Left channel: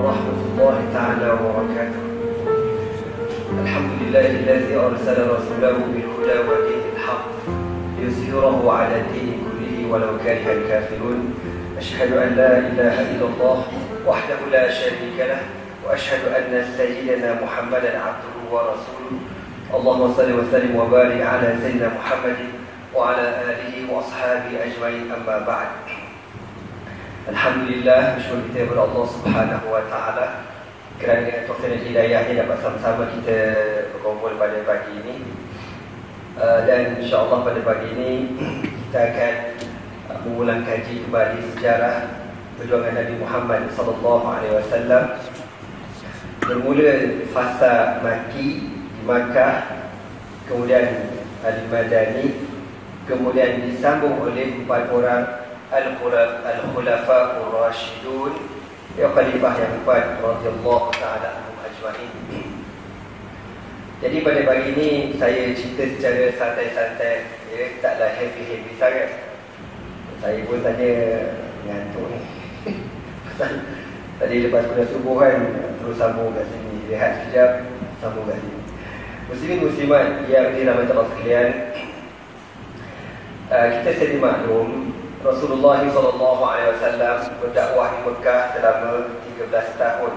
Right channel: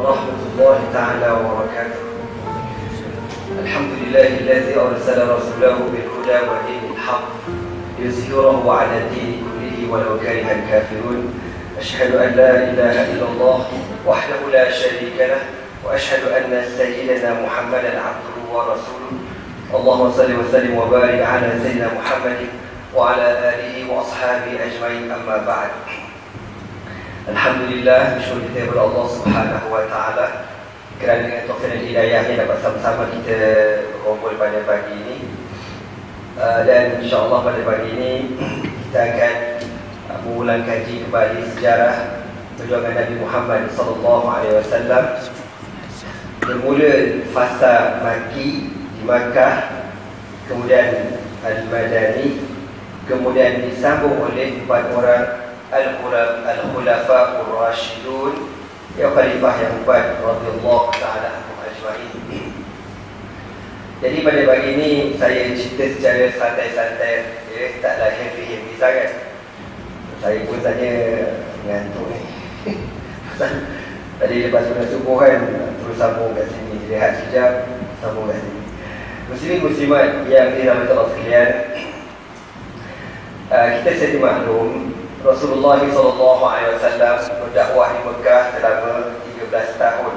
ورحمة الله تعالى وبركاته. الحمد لله الذي أرسل رسوله بالهدى ودين الحق ليظهره على الدين كله ولو كره الكافرون. أشهد أن لا إله إلا الله وحده لا شريك له، وأشهد أن سيدنا محمدا عبده ورسوله. اللهم صل وسلم وبارك على سيدنا محمد وعلى آله وأصحابه أجمعين. أما بعد. Alhamdulillah, bersyukur kita kepada Allah Subhanahu wa Ta'ala kerana dengan taufik dan hidayahnya dapat sama-sama kita berkumpul pada pagi ini. Dan insya-Allah pada pagi ini kita akan mengulang kaji kembali sejarah perjuangan Nabi Muhammad sallallahu alaihi wasallam bermula fasa Makki di Makkah, kemudian Al-Madani, kemudian disambung oleh 4 orang Al-Khulafa Ar-Rashidun, ya khalifah yang 4 radhiyallahu ta'ala anhum ajma'in. Jadi pada pagi ini saya cerita secara santai-santai, ya, taklah heavy sangat. Saya pun saja mengantuk ni. Tadi lepas subuh kan, terus sambung kat sini, rehat sekejap, sambung kat sini. Muslimin muslimat yang dirahmati Allah sekalian, kita sedia maklum Rasulullah SAW berdakwah di Mekah selama 13 tahun.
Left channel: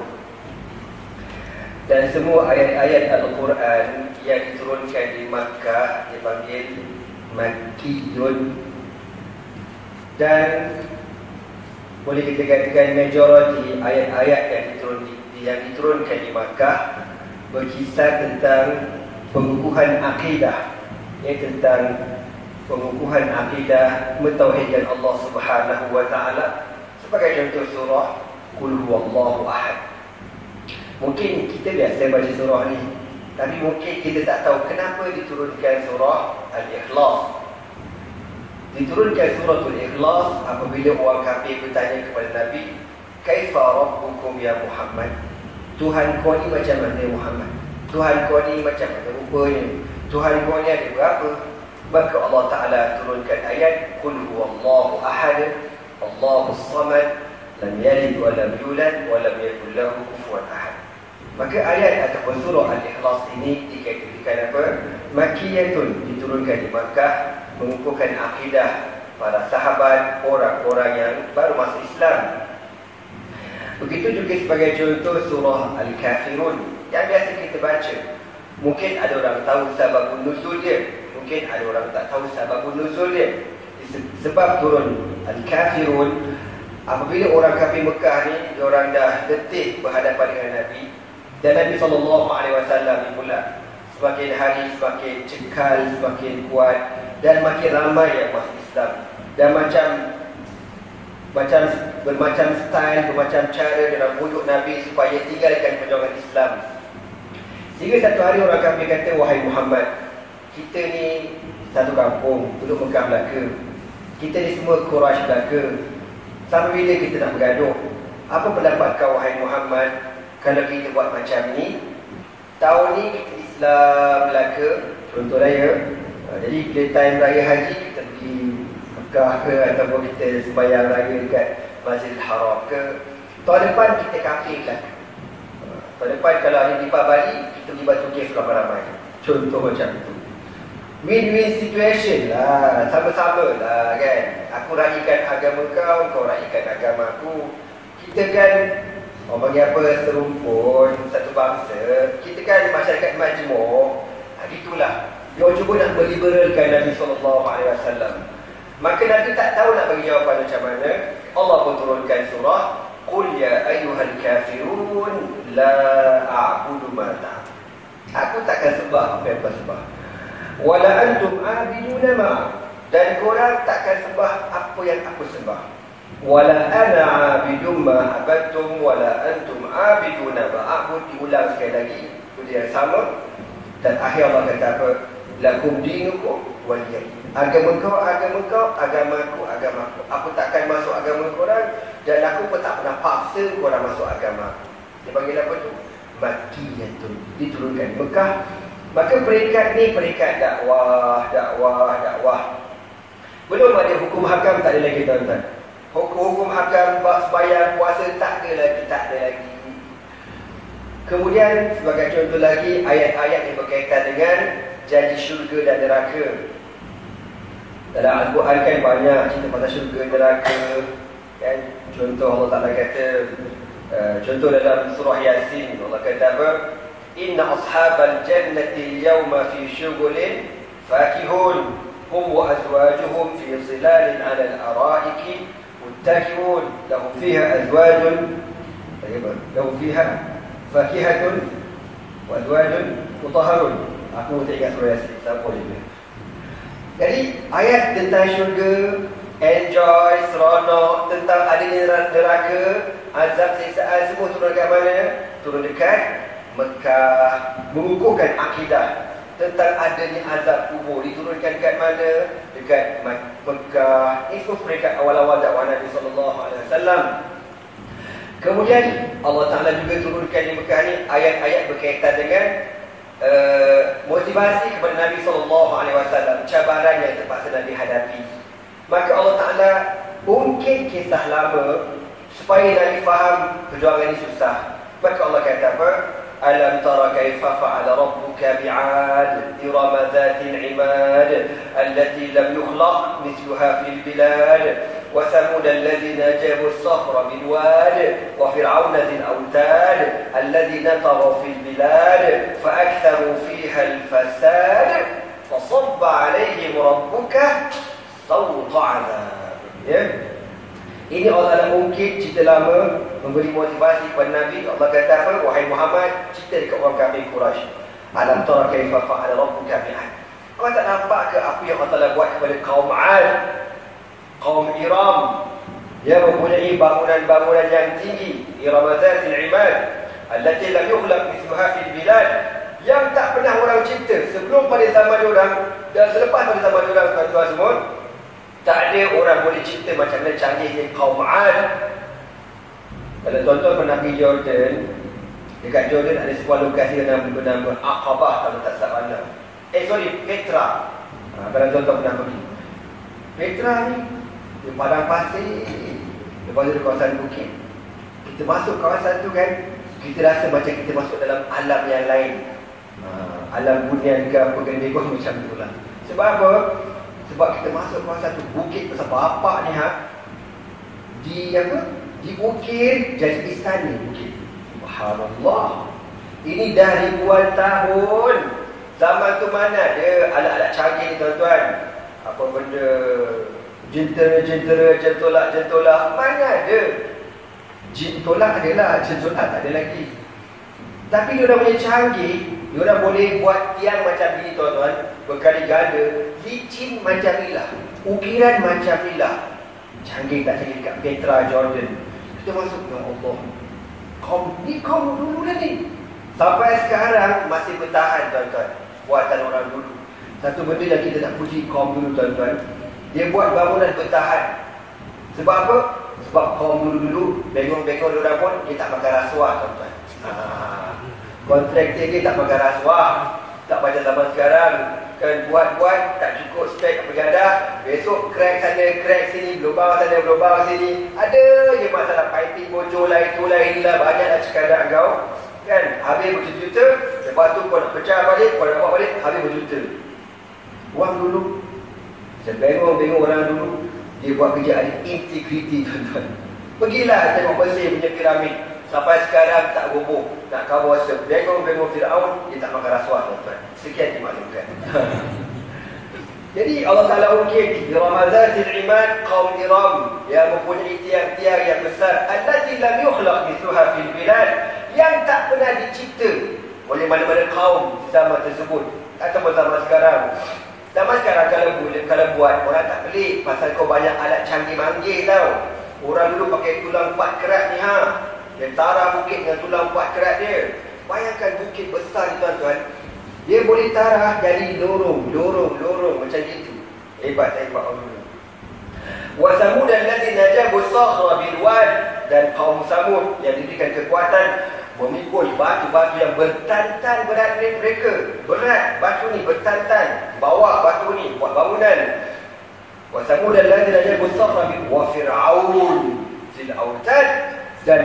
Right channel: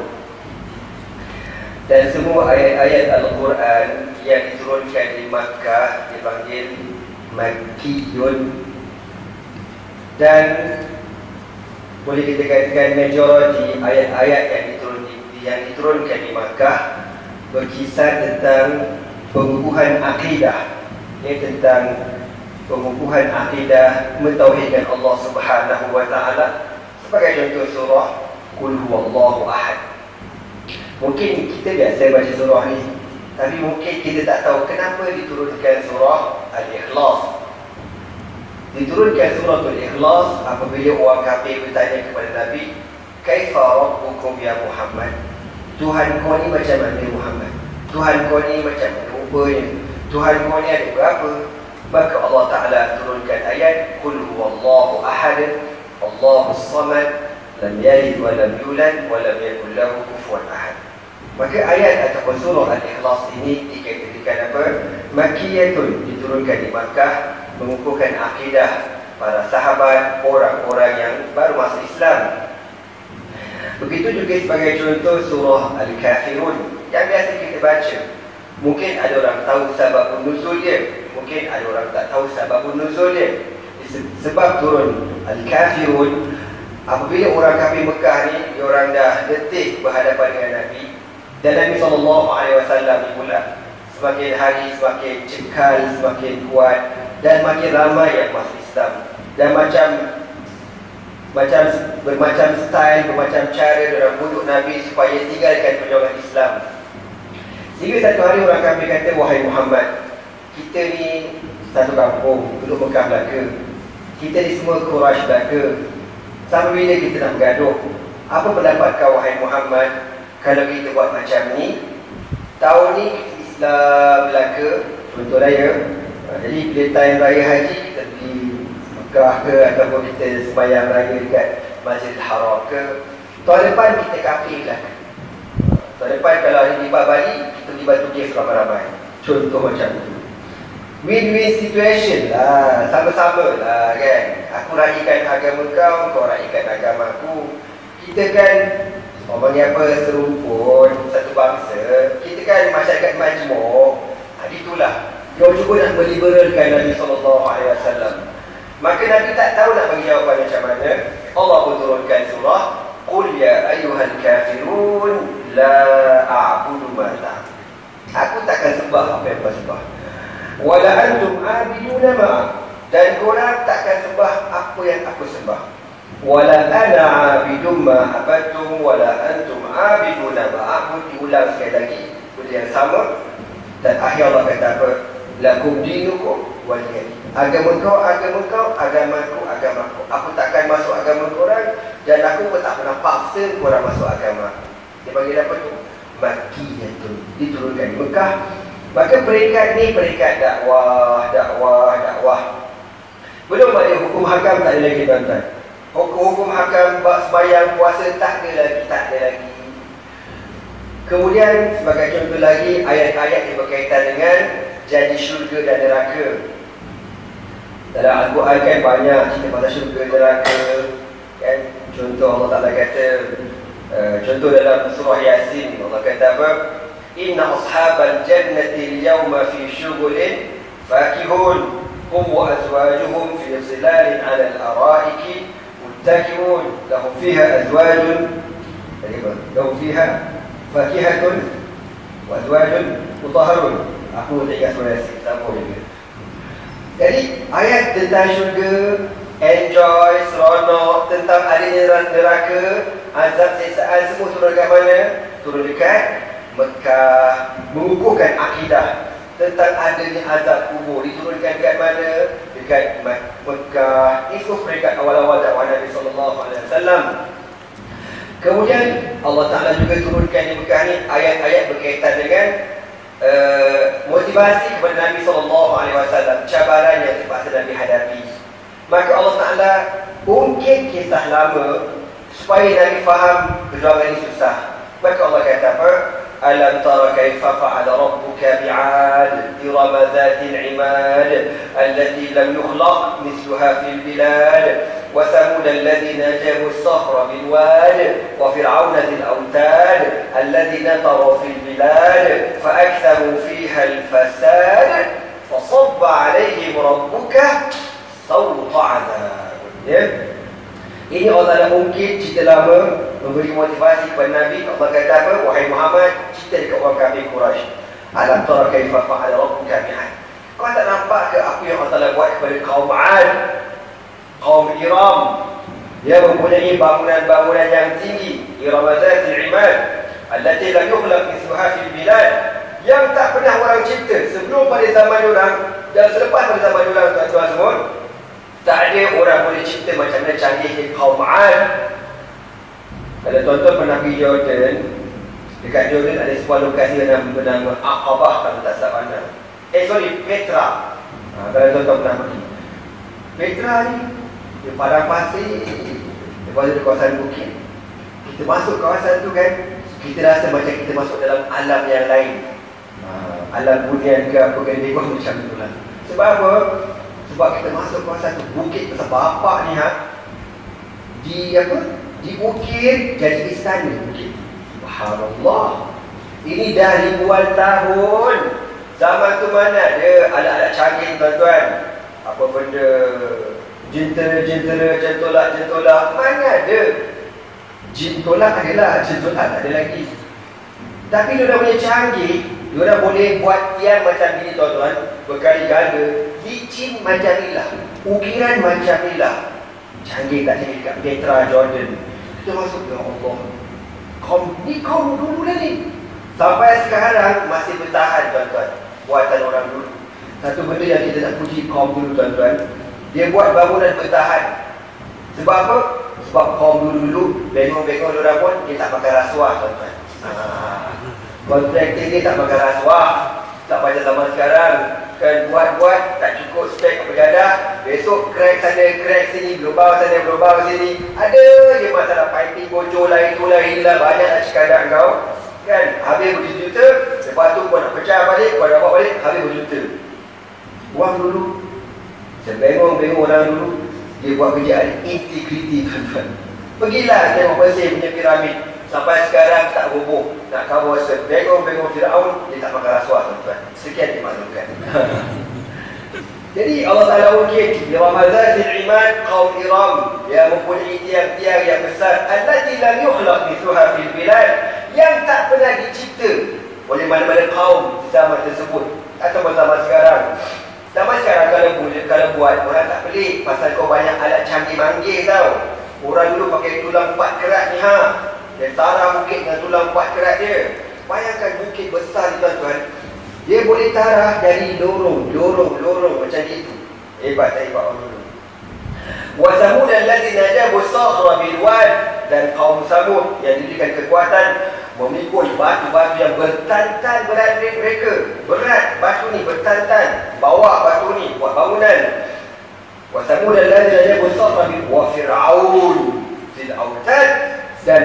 Dan semua ayat-ayat Al-Quran yang diturunkan di Makkah dipanggil Makkiyun. Dan boleh kita katakan majoriti ayat-ayat yang diturunkan di Makkah berkisar tentang pengukuhan akidah, tentang pengukuhan akidah mentauhidkan Allah Subhanahu wa Ta'ala. Sebagai contoh surah Qul Huwallahu Ahad. Mungkin kita biasa baca surah ni, tapi mungkin kita tak tahu kenapa diturunkan surah Al-Ikhlas. Diturunkan surah Al-Ikhlas apabila orang kafir bertanya kepada Nabi, "Kaifa rabbukum ya Muhammad?" Tuhan kau ni macam mana Muhammad? Tuhan kau ni macam mana rupanya? Tuhan kau ni ada berapa? Maka Allah Ta'ala turunkan ayat Qul Huwallahu Ahad, Allahus Samad, lam yalid wa lam yulad wa lam yakul lahu kufuwan ahad. Maka ayat ataupun surah Al-Ikhlas ini dikatakan apa? Makkiyatun, diturunkan di Makkah, mengukuhkan akidah para sahabat, orang-orang yang baru masuk Islam. Begitu juga sebagai contoh surah Al-Kafirun yang biasa kita baca. Mungkin ada orang tahu sebab nuzul dia, mungkin ada orang tak tahu sebab nuzul dia. Sebab turun Al-Kafirun apabila orang kafir Mekah ni, diorang dah letih berhadapan dengan Nabi. Dan Nabi SAW ni pula semakin hari semakin cekal, semakin kuat, dan makin ramai yang masuk Islam. Dan bermacam style, bermacam cara dalam bujuk Nabi supaya tinggalkan perjuangan Islam. Sehingga satu hari orang kafir kata, "Wahai Muhammad, kita ni satu kampung, duduk Mekah belaka. Kita ni semua Quraisy belaka. Sampai bila kita nak bergaduh? Apa pendapat kau, wahai Muhammad, kalau kita buat macam ni? Tahun ni kita Islam belaka, contoh raya. Jadi bila time raya haji, kita pergi Mekah ke, ataupun kita sembahyang raya dekat Masjidil Haram ke. Tahun depan kita kafir belaka. Tahun depan kalau hari tiba Bali, kita pergi Batu Cave ramai-ramai." Contoh macam itu. Win-win situation lah, sama-sama lah kan. Aku raikan agama kau, kau raikan agama aku. Kita kan, orang panggil apa, serumpun, satu bangsa. Kita kan masyarakat majmuk. Itulah, dia cuba nak meliberalkan Nabi SAW. Maka Nabi tak tahu nak bagi jawapan macam mana. Allah pun turunkan surah Qul ya ayyuhal kafirun la a'budu ma ta'budun. Aku takkan sembah apa yang kau sembah. Wala antum abiduna ma, dan korang takkan sembah apa yang aku sembah. Wala ana abidum ma abadtum wala antum abiduna ma a'bud. Diulang sekali lagi benda yang sama. Dan akhir Allah kata apa? Lakum dinukum waliyadin. Agama kau, agamaku, agamaku. Aku takkan masuk agama korang, dan aku pun tak pernah paksa korang masuk agama. Dia panggil apa tu? Makkiyah tu, diturunkan di Mekah. Maka peringkat ni peringkat dakwah. Belum ada hukum hakam, tak ada lagi tuan-tuan. Hukum hakam, sembahyang, puasa, tak ada lagi. Kemudian sebagai contoh lagi ayat-ayat yang berkaitan dengan janji syurga dan neraka. Dalam Al-Quran kan banyak cerita pasal syurga neraka kan. Contoh Allah Ta'ala kata, contoh dalam surah Yasin, Allah kata apa? Inna ashabal jannati al-yawma fi syughulin fakihun hum wa azwajuhum fi zilalin 'ala al-ara'iki muttaki'un lahum fiha azwajun lahum fiha fakihatun wa azwajun mutahharun. Aku tak ingat surah Yasin, tak apa juga. Jadi ayat tentang syurga, enjoy, seronok, tentang adanya neraka, azab siksaan, semua turun dekat mana? Turun dekat Mekah. Mengukuhkan akidah tentang adanya azab kubur diturunkan dekat mana? Dekat Mekah. Itu peringkat awal-awal dakwah Nabi SAW. Kemudian Allah Ta'ala juga turunkan di Mekah ni ayat-ayat berkaitan dengan motivasi kepada Nabi SAW, cabaran yang terpaksa Nabi hadapi. Maka Allah Ta'ala ungkit kisah lama supaya Nabi faham perjuangan ini susah. Maka Allah kata apa? Alam tara kaifa fa'ala rabbuka bi'ad iram dhatil 'imad allati lam yukhlaq mithluha fil bilad wa thamud alladhina jabu as-sakhra bil wad wa fir'auna dhil awtad alladhina taghaw fil bilad fa aktharu fiha al-fasad fa sabba 'alayhim rabbuka sawta 'adab. Ya. Ini Allah Ta'ala ungkit cerita lama, memberi motivasi kepada Nabi. Allah kata apa? Wahai Muhammad, cerita dekat orang kafir Quraisy. Alam tara kaifa fa'ala rabbuka bi'ad. Kau tak nampak ke apa yang Allah Ta'ala buat kepada kaum 'Ad, kaum Iram? Dia mempunyai bangunan-bangunan yang tinggi, Iram dhatil 'imad allati lam yukhlaq mithluha fil bilad, yang tak pernah orang cipta sebelum pada zaman diorang dan selepas pada zaman diorang, tuan-tuan semua. Tak ada orang boleh cipta macam mana canggihnya kaum 'Ad. Kalau tuan-tuan pernah pergi Jordan, dekat Jordan ada sebuah lokasi yang bernama Aqabah, kalau tak salah anda. Petra. Kalau tuan-tuan pernah pergi Petra ni, di padang pasir, lepas tu di kawasan bukit. Kita masuk kawasan tu kan, kita rasa macam kita masuk dalam alam yang lain. Alam bunian ke apa kan, dia macam tu lah. Sebab apa? Sebab kita masuk kawasan tu, bukit besar bapak ni diukir jadi istana bukit. Subhanallah. Ini dah ribuan tahun. Zaman tu mana ada alat-alat canggih tuan-tuan. Apa benda jentera, jentolak, mana ada. Jentolak adalah, jentolak tak ada lagi. Tapi dia punya canggih, dia boleh buat tiang macam ni tuan-tuan, berkali ganda, licin macam inilah, ukiran macam inilah. Canggih tak canggih kat Petra, Jordan. Kita masuk ke Allah. Kaum dulu ni. Sampai sekarang masih bertahan tuan-tuan, buatan orang dulu. Satu benda yang kita nak puji kaum dulu tuan-tuan, dia buat bangunan bertahan. Sebab apa? Sebab kaum dulu bengong-bengong diorang pun, dia tak pakai rasuah tuan-tuan. Kontraktor dia tak pakai rasuah. Tak macam zaman sekarang kan, buat tak cukup spek berjadah, besok crack sana, crack sini, global sana, global sini. Ada je masalah piping bocor lah, itulah inilah, banyak nak cakap dah kau kan. Habis berjuta-juta, lepas tu kau nak pecah balik, kau nak buat balik, habis berjuta. Orang dulu, sebengong-bengong orang dulu, dia buat kerjaan integriti tuan-tuan. Pergilah tengok Mesir punya piramid, sampai sekarang tak roboh. Nak kawal sebengong-bengong Fir'aun, dia tak makan rasuah tuan-tuan. Sekian dimaklumkan. Jadi Allah Ta'ala ungkit Iram dhatil 'imad, kaum Iram yang mempunyai tiang-tiang yang besar, allati lam yukhlaq mithluha fil bilad, yang tak pernah dicipta oleh mana-mana kaum di zaman tersebut atau zaman sekarang. Zaman sekarang kalau buat, orang tak pelik pasal kau banyak alat canggih-manggih tau. Orang dulu pakai tulang 4 kerat ni dia tarah bukit dengan tulang 4 kerat dia. Bayangkan bukit besar ni tuan-tuan, dia boleh tarah dari lorong macam itu. Hebat Allah. Wa Thamud alladzina jabu as-sakhra bil wad, dan kaum Samud yang diberikan kekuatan memikul batu-batu yang bertantan berat mereka. Berat batu ni bertantan, bawa batu ni buat bangunan. Wa Thamud alladzina jabu as-sakhra bil wa fir'aun zil autad, dan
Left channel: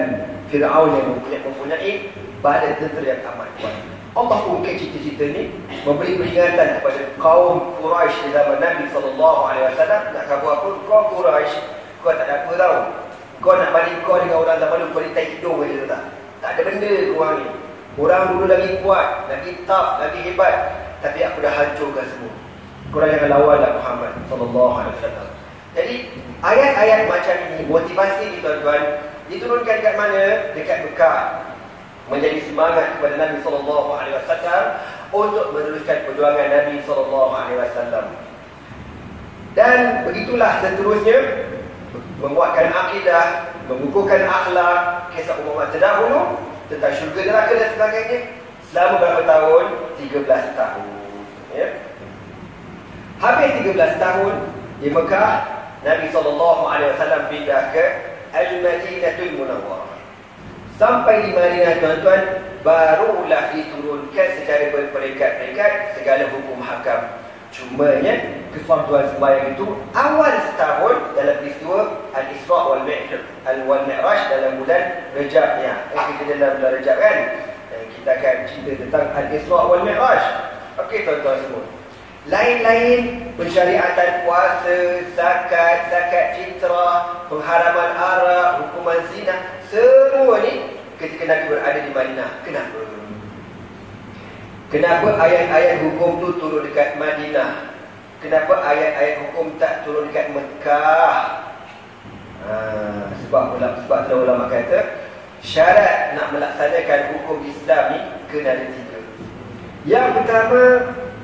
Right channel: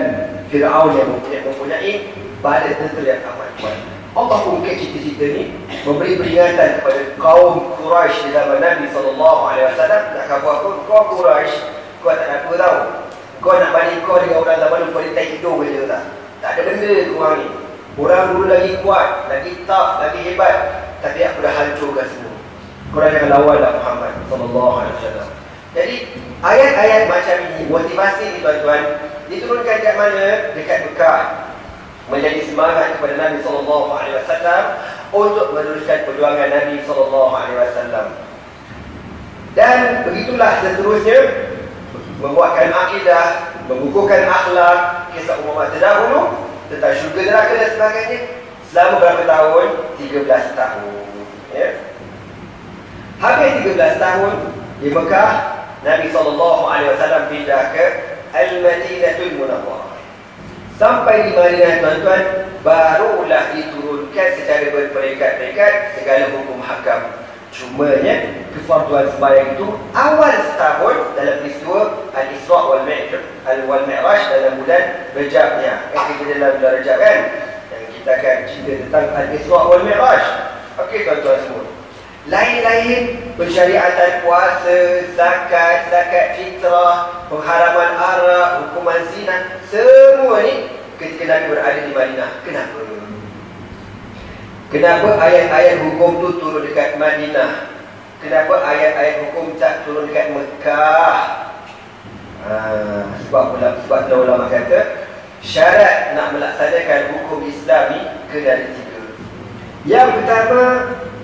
Fir'aun yang mempunyai badan tentera yang amat kuat. Allah ungkit cerita-cerita ni, memberi peringatan kepada kaum Quraisy di zaman Nabi SAW. Nak khabar apa? Kau Quraisy, kau tak nak apa tau. Kau nak balik kau dengan orang zaman dulu, kau letak hidung je tak? Tak ada benda korang ni. Orang dulu lagi kuat, lagi tough, lagi hebat. Tapi aku dah hancurkan semua. Korang jangan lawanlah Muhammad SAW. Jadi ayat-ayat macam ini, motivasi ni tuan-tuan, diturunkan kat mana? Dekat Mekah. Menjadi semangat kepada Nabi SAW untuk meneruskan perjuangan Nabi SAW. Dan begitulah seterusnya, membuatkan akidah, mengukuhkan akhlak, kisah umat terdahulu tentang syurga neraka dan sebagainya. Selama berapa tahun? 13 tahun. Ya. Habis 13 tahun di Mekah, Nabi SAW pindah ke Al-Madinatul Munawwarah. Sampai di Madinah tuan-tuan, barulah diturunkan secara berperingkat-peringkat segala hukum hakam. Cumanya kefarduan sembahyang itu awal setahun dalam peristiwa Al-Isra' wal-Mi'raj dalam bulan Rejab ya. Kita dalam bulan Rejab kan. Dan kita akan cerita tentang Al-Isra' wal-Mi'raj. Okey tuan-tuan semua. Lain-lain pensyariatan puasa, zakat fitrah, pengharaman arak, hukuman zina, semua ni ketika Nabi berada di Madinah. Kenapa? Kenapa ayat-ayat hukum tu turun dekat Madinah? Kenapa ayat-ayat hukum tak turun dekat Mekah? Sebab ulama kata syarat nak melaksanakan hukum Islam ni kena ada 3. Yang pertama,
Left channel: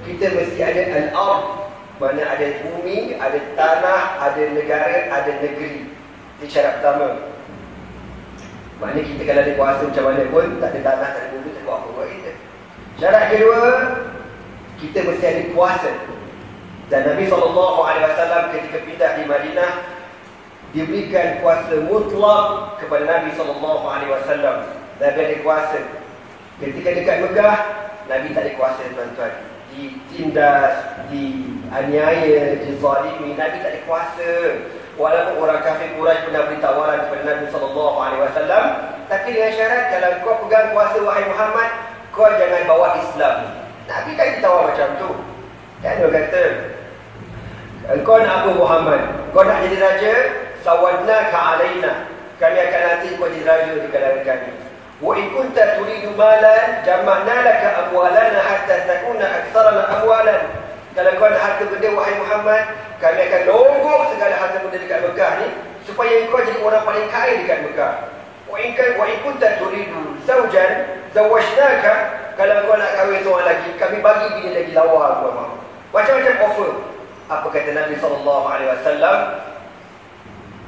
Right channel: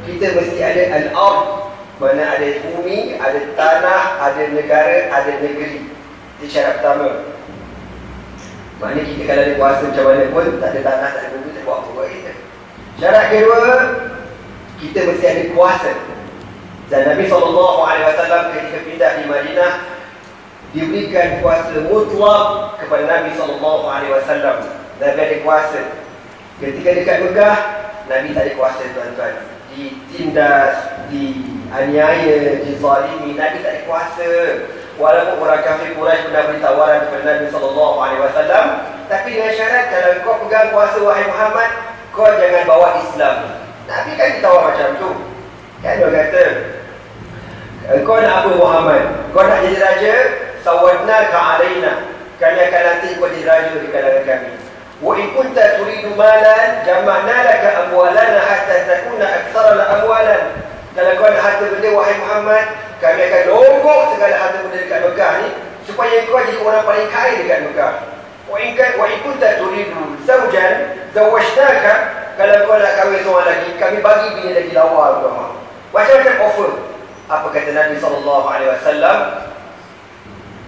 kita mesti ada al-ard, mana ada bumi, ada tanah, ada negara, ada negeri. Itu syarat pertama. Maknanya kita kalau ada kuasa macam mana pun, tak ada tanah, tak ada bumi, tak buat apa-apa kita. Syarat kedua, kita mesti ada kuasa. Dan Nabi SAW ketika pindah di Madinah, diberikan kuasa mutlak kepada Nabi SAW. Nabi ada kuasa. Ketika dekat Mekah, Nabi tak ada kuasa tuan-tuan. Ditindas, dianiaya, dizalimi, Nabi tak ada kuasa. Walaupun orang kafir Quraisy pernah beri tawaran kepada Nabi SAW, tapi dengan syarat kalau kau pegang kuasa wahai Muhammad, kau jangan bawa Islam. Nabi kan ditawar macam tu. Kan dia kata, kau nak apa Muhammad? Kau nak jadi raja? Sawadnaka alaina. Kami akan nanti kau jadi raja di kalangan kami. Wa in kunta turidu malan jama'na laka amwalana hatta takuna aktsarana amwalan. Kalau kau nak harta benda wahai Muhammad, kami akan longgok segala harta benda dekat Mekah ni supaya kau jadi orang paling kaya dekat Mekah. Wa in kunta turidu zawjan zawajnaka. Kalau kau nak kahwin seorang lagi, kami bagi bini lagi lawa kau. Macam-macam offer. Apa kata Nabi SAW?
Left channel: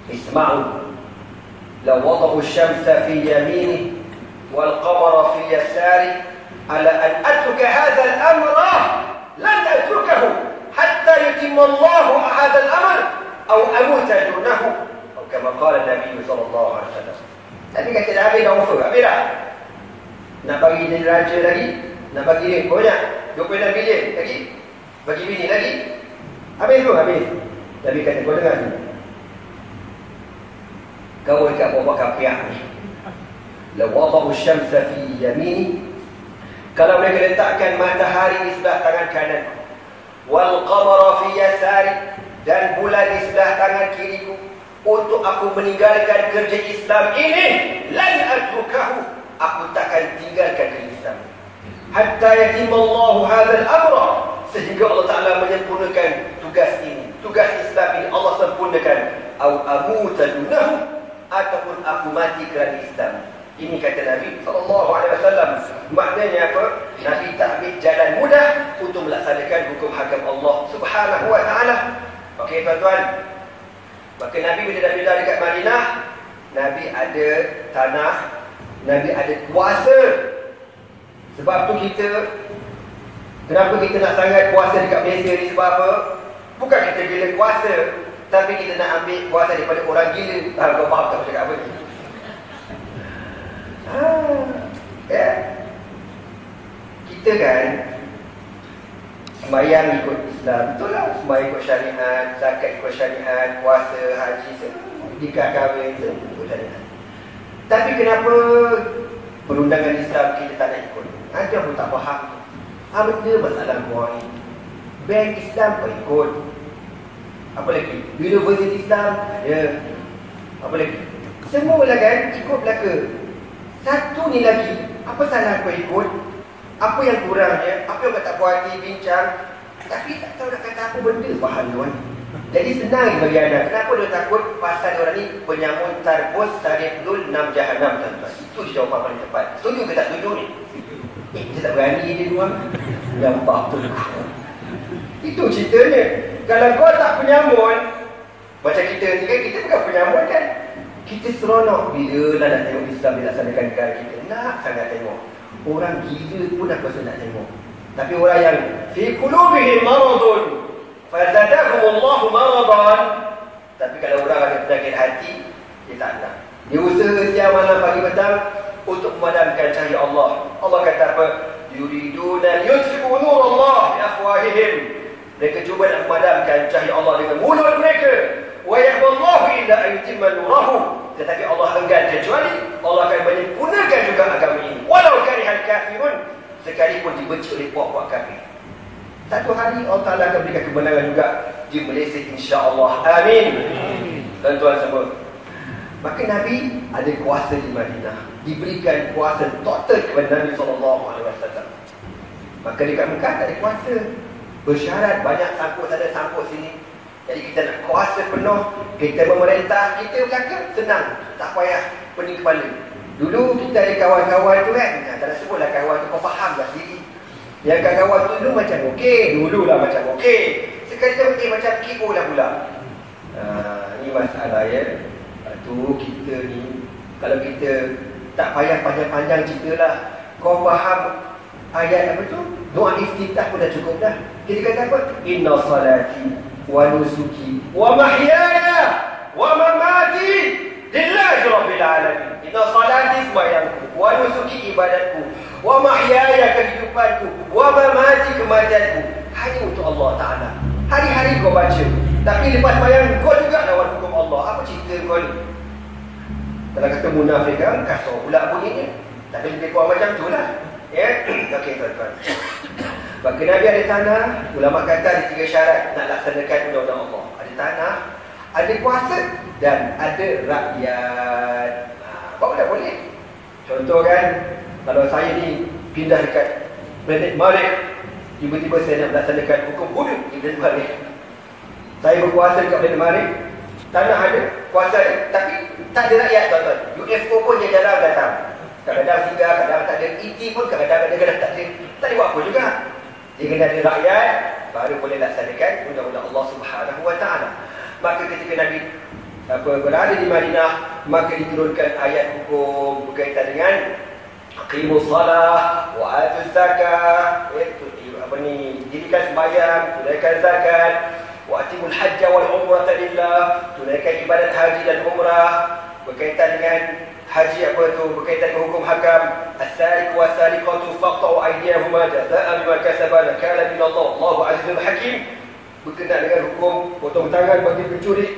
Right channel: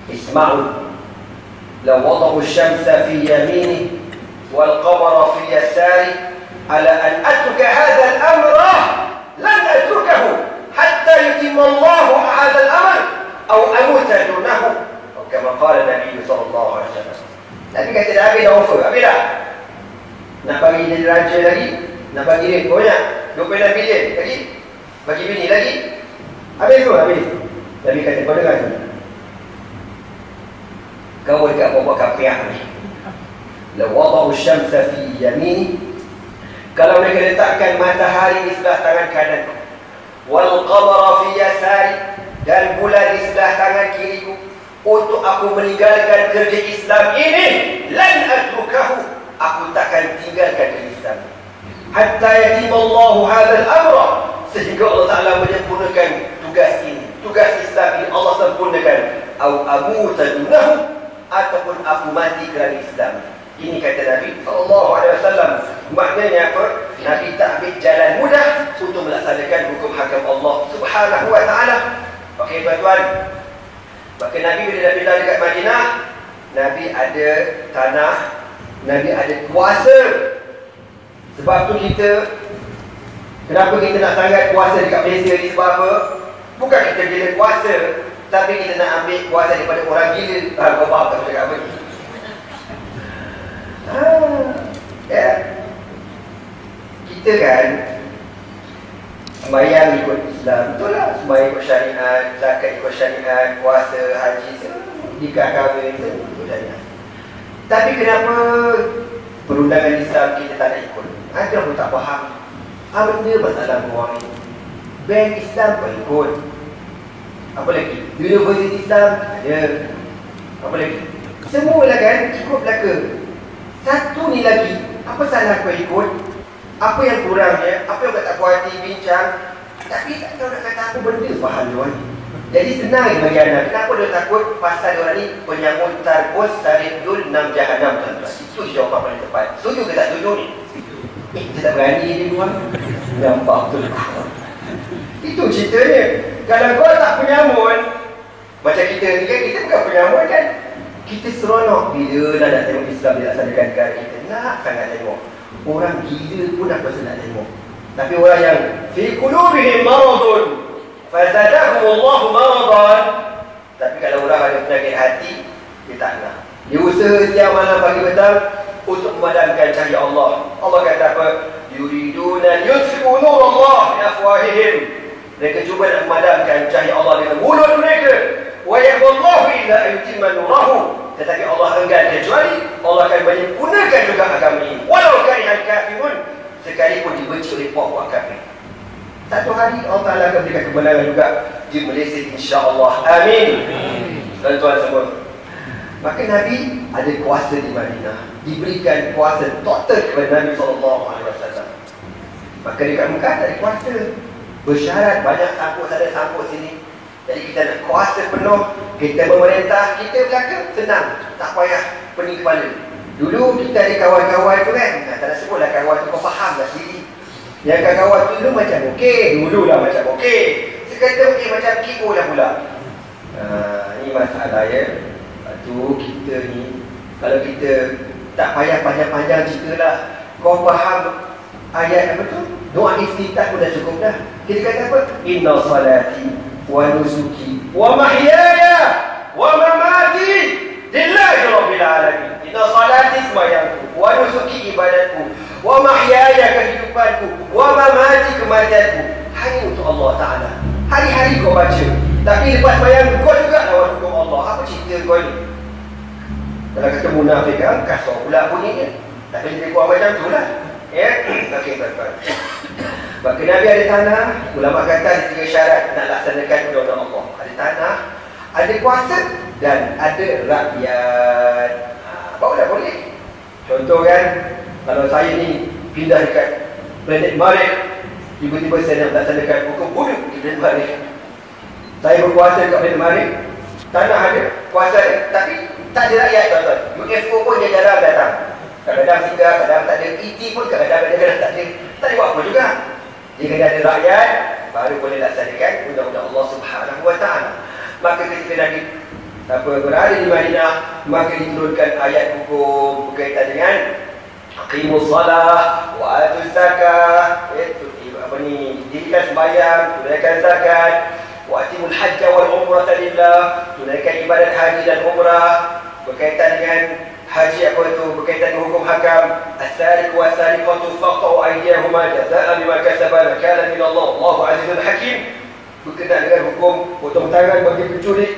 Isma'u la wada'u syamsa fi yamini wal qamara fi yasari ala an atruka hadha al-amra lan atrukahu hatta yutimma Allah hadha al-amr aw amuta dunahu. Kama qala Nabi SAW. Nabi kata dah habis dah offer. Habis dah. Nak bagi jadi raja lagi, nak bagi dia banyak 26 bilion lagi, bagi bini lagi. Habis tu, habis. Nabi kata kau dengar tu, kau dekat bawah kapiah ni, la wada'u syamsa fi yamini, kalau mereka letakkan matahari di sebelah tangan kanan, wal qamara fi yasari, dan bulan di sebelah tangan kiriku, untuk aku meninggalkan kerja Islam ini, lan atrukahu, aku takkan tinggalkan kerja Islam hatta yatimallahu hadzal amra, sehingga Allah Ta'ala menyempurnakan tugas ini, tugas Islam ini Allah sempurnakan, au amuta dunahu, ataupun aku mati kerana Islam. Ini kata Nabi SAW. Maknanya apa? Nabi tak ambil jalan mudah untuk melaksanakan hukum hakam Allah Subhanahu wa Ta'ala. Okey tuan-tuan, maka Nabi bila dah pindah dekat Madinah, Nabi ada tanah, Nabi ada kuasa. Sebab tu kita, kenapa kita nak sangat kuasa dekat Malaysia ni? Sebab apa? Bukan kita gila kuasa, tapi kita nak ambil kuasa daripada orang gila. Bapak tak cakap apa ni? Ya. Kita kan sembahyang ikut Islam, betul lah. Sembahyang ikut syariat, zakat ikut syariat, puasa, haji, nikah kahwin, ikut syariat. Tapi kenapa perundangan Islam kita tak nak ikut? Ada pun tak faham. Benda masalah wang ni. Bank Islam kau ikut. Apa lagi? Universiti Islam ada. Apa lagi? Semua lah kan ikut belaka. Satu ni lagi, apa salah kau ikut? Apa yang kurangnya? Apa yang kau tak puas hati bincang? Tapi tak tahu nak kata apa benda faham dia ni. Jadi senang bagi anda. Kenapa dia takut? Pasal dia orang ni penyambut tarbus saridul 6 jahanam, tuan-tuan. Itu jawapan paling tepat. Setuju ke tak setuju ni? Dia tak berani dia buang. Nampak tu. Itu ceritanya. Kalau kau tak penyambut, macam kita ni kan, kita bukan penyambut kan? Kita seronok bila dah nak tengok Islam dilaksanakan negara kita. Nak sangat tengok. Orang gila pun aku rasa nak tengok. Tapi orang yang fi qulubihim maradun fazadahumullahu maradan. Tapi kalau orang ada penyakit hati, dia tak nak. Dia usaha siang malam pagi petang untuk memadamkan cahaya Allah. Allah kata apa? Yuriduna yutfi'u nurallah bi afwahihim. Mereka cuba nak memadamkan cahaya Allah dengan mulut mereka. Wa yaqullahu illa ayutimma nurahu. Tetapi Allah enggan kecuali Allah akan menyempurnakan juga agama ini. Walau karihal kafirun, sekalipun dibenci oleh puak-puak kafir. Satu hari Allah Ta'ala akan berikan kebenaran juga di Malaysia, insya-Allah. Amin. Tuan-tuan semua. Maka Nabi ada kuasa di Madinah, diberikan kuasa total kepada Nabi SAW. Maka dekat Mekah tak ada kuasa, bersyarat banyak sangkut sana sangkut sini. Jadi kita nak kuasa penuh, kita memerintah, kita belakang senang, tak payah pening kepala. Dulu kita ada kawan-kawan tu kan, tak nak sebutlah kawan tu, kau faham lah sendiri. Yang kawan tu dulu macam okey, dululah macam okey. Sekarang macam kipu lah pula. Ini masalah ya. Tu kita ni, kalau kita tak payah panjang-panjang cerita lah, kau faham ayat apa tu? Doa iftitah pun dah cukup dah. Kita kata apa? Inna salati wa nusuki wa mahyaya wa mamati lillahi rabbil alamin. Inna salati sembahyangku, wa nusuki ibadatku, wa mahyaya kehidupanku, wa mamati kematianku. Hanya untuk Allah Ta'ala. Hari-hari kau baca. Tapi lepas sembahyang kau juga lawan hukum Allah. Apa cerita kau ni? Kalau kata munafik kan, kasar pula bunyinya. Tapi lebih kurang macam tu lah. Ya? Okey, tuan-tuan. Maka Nabi ada tanah, ulama kata ada 3 syarat nak laksanakan undang-undang Allah. Ada tanah, ada kuasa dan ada rakyat. Apa pula boleh? Contoh kan, kalau saya ni pindah dekat planet Marikh, tiba-tiba saya nak laksanakan hukum bunuh di planet Marikh. Saya berkuasa dekat planet Marikh, tanah ada, kuasa ada, tapi tak ada rakyat, tuan-tuan. UFO pun dia jarang datang. Kadang-kadang singgah, kadang tak ada. ET pun kadang-kadang tak ada. Tak ada buat apa juga. Dia kena ada rakyat, baru boleh laksanakan undang-undang Allah Subhanahu Wa Ta'ala. Maka ketika Nabi berada di Madinah, maka diturunkan ayat hukum berkaitan dengan qimus salah wa atuz zakah. Dirikan sembahyang, tunaikan zakat, wa atimul hajja wal umrata lillah, tunaikan ibadat haji dan umrah. Berkaitan dengan haji apa tu, berkaitan dengan hukum hakam, as-sariq wa as-sariqatu faqta'u aydiyahuma jazaa'an bima kasaba nakala min Allah, Allahu azizul hakim. Berkaitan dengan hukum potong tangan bagi pencuri,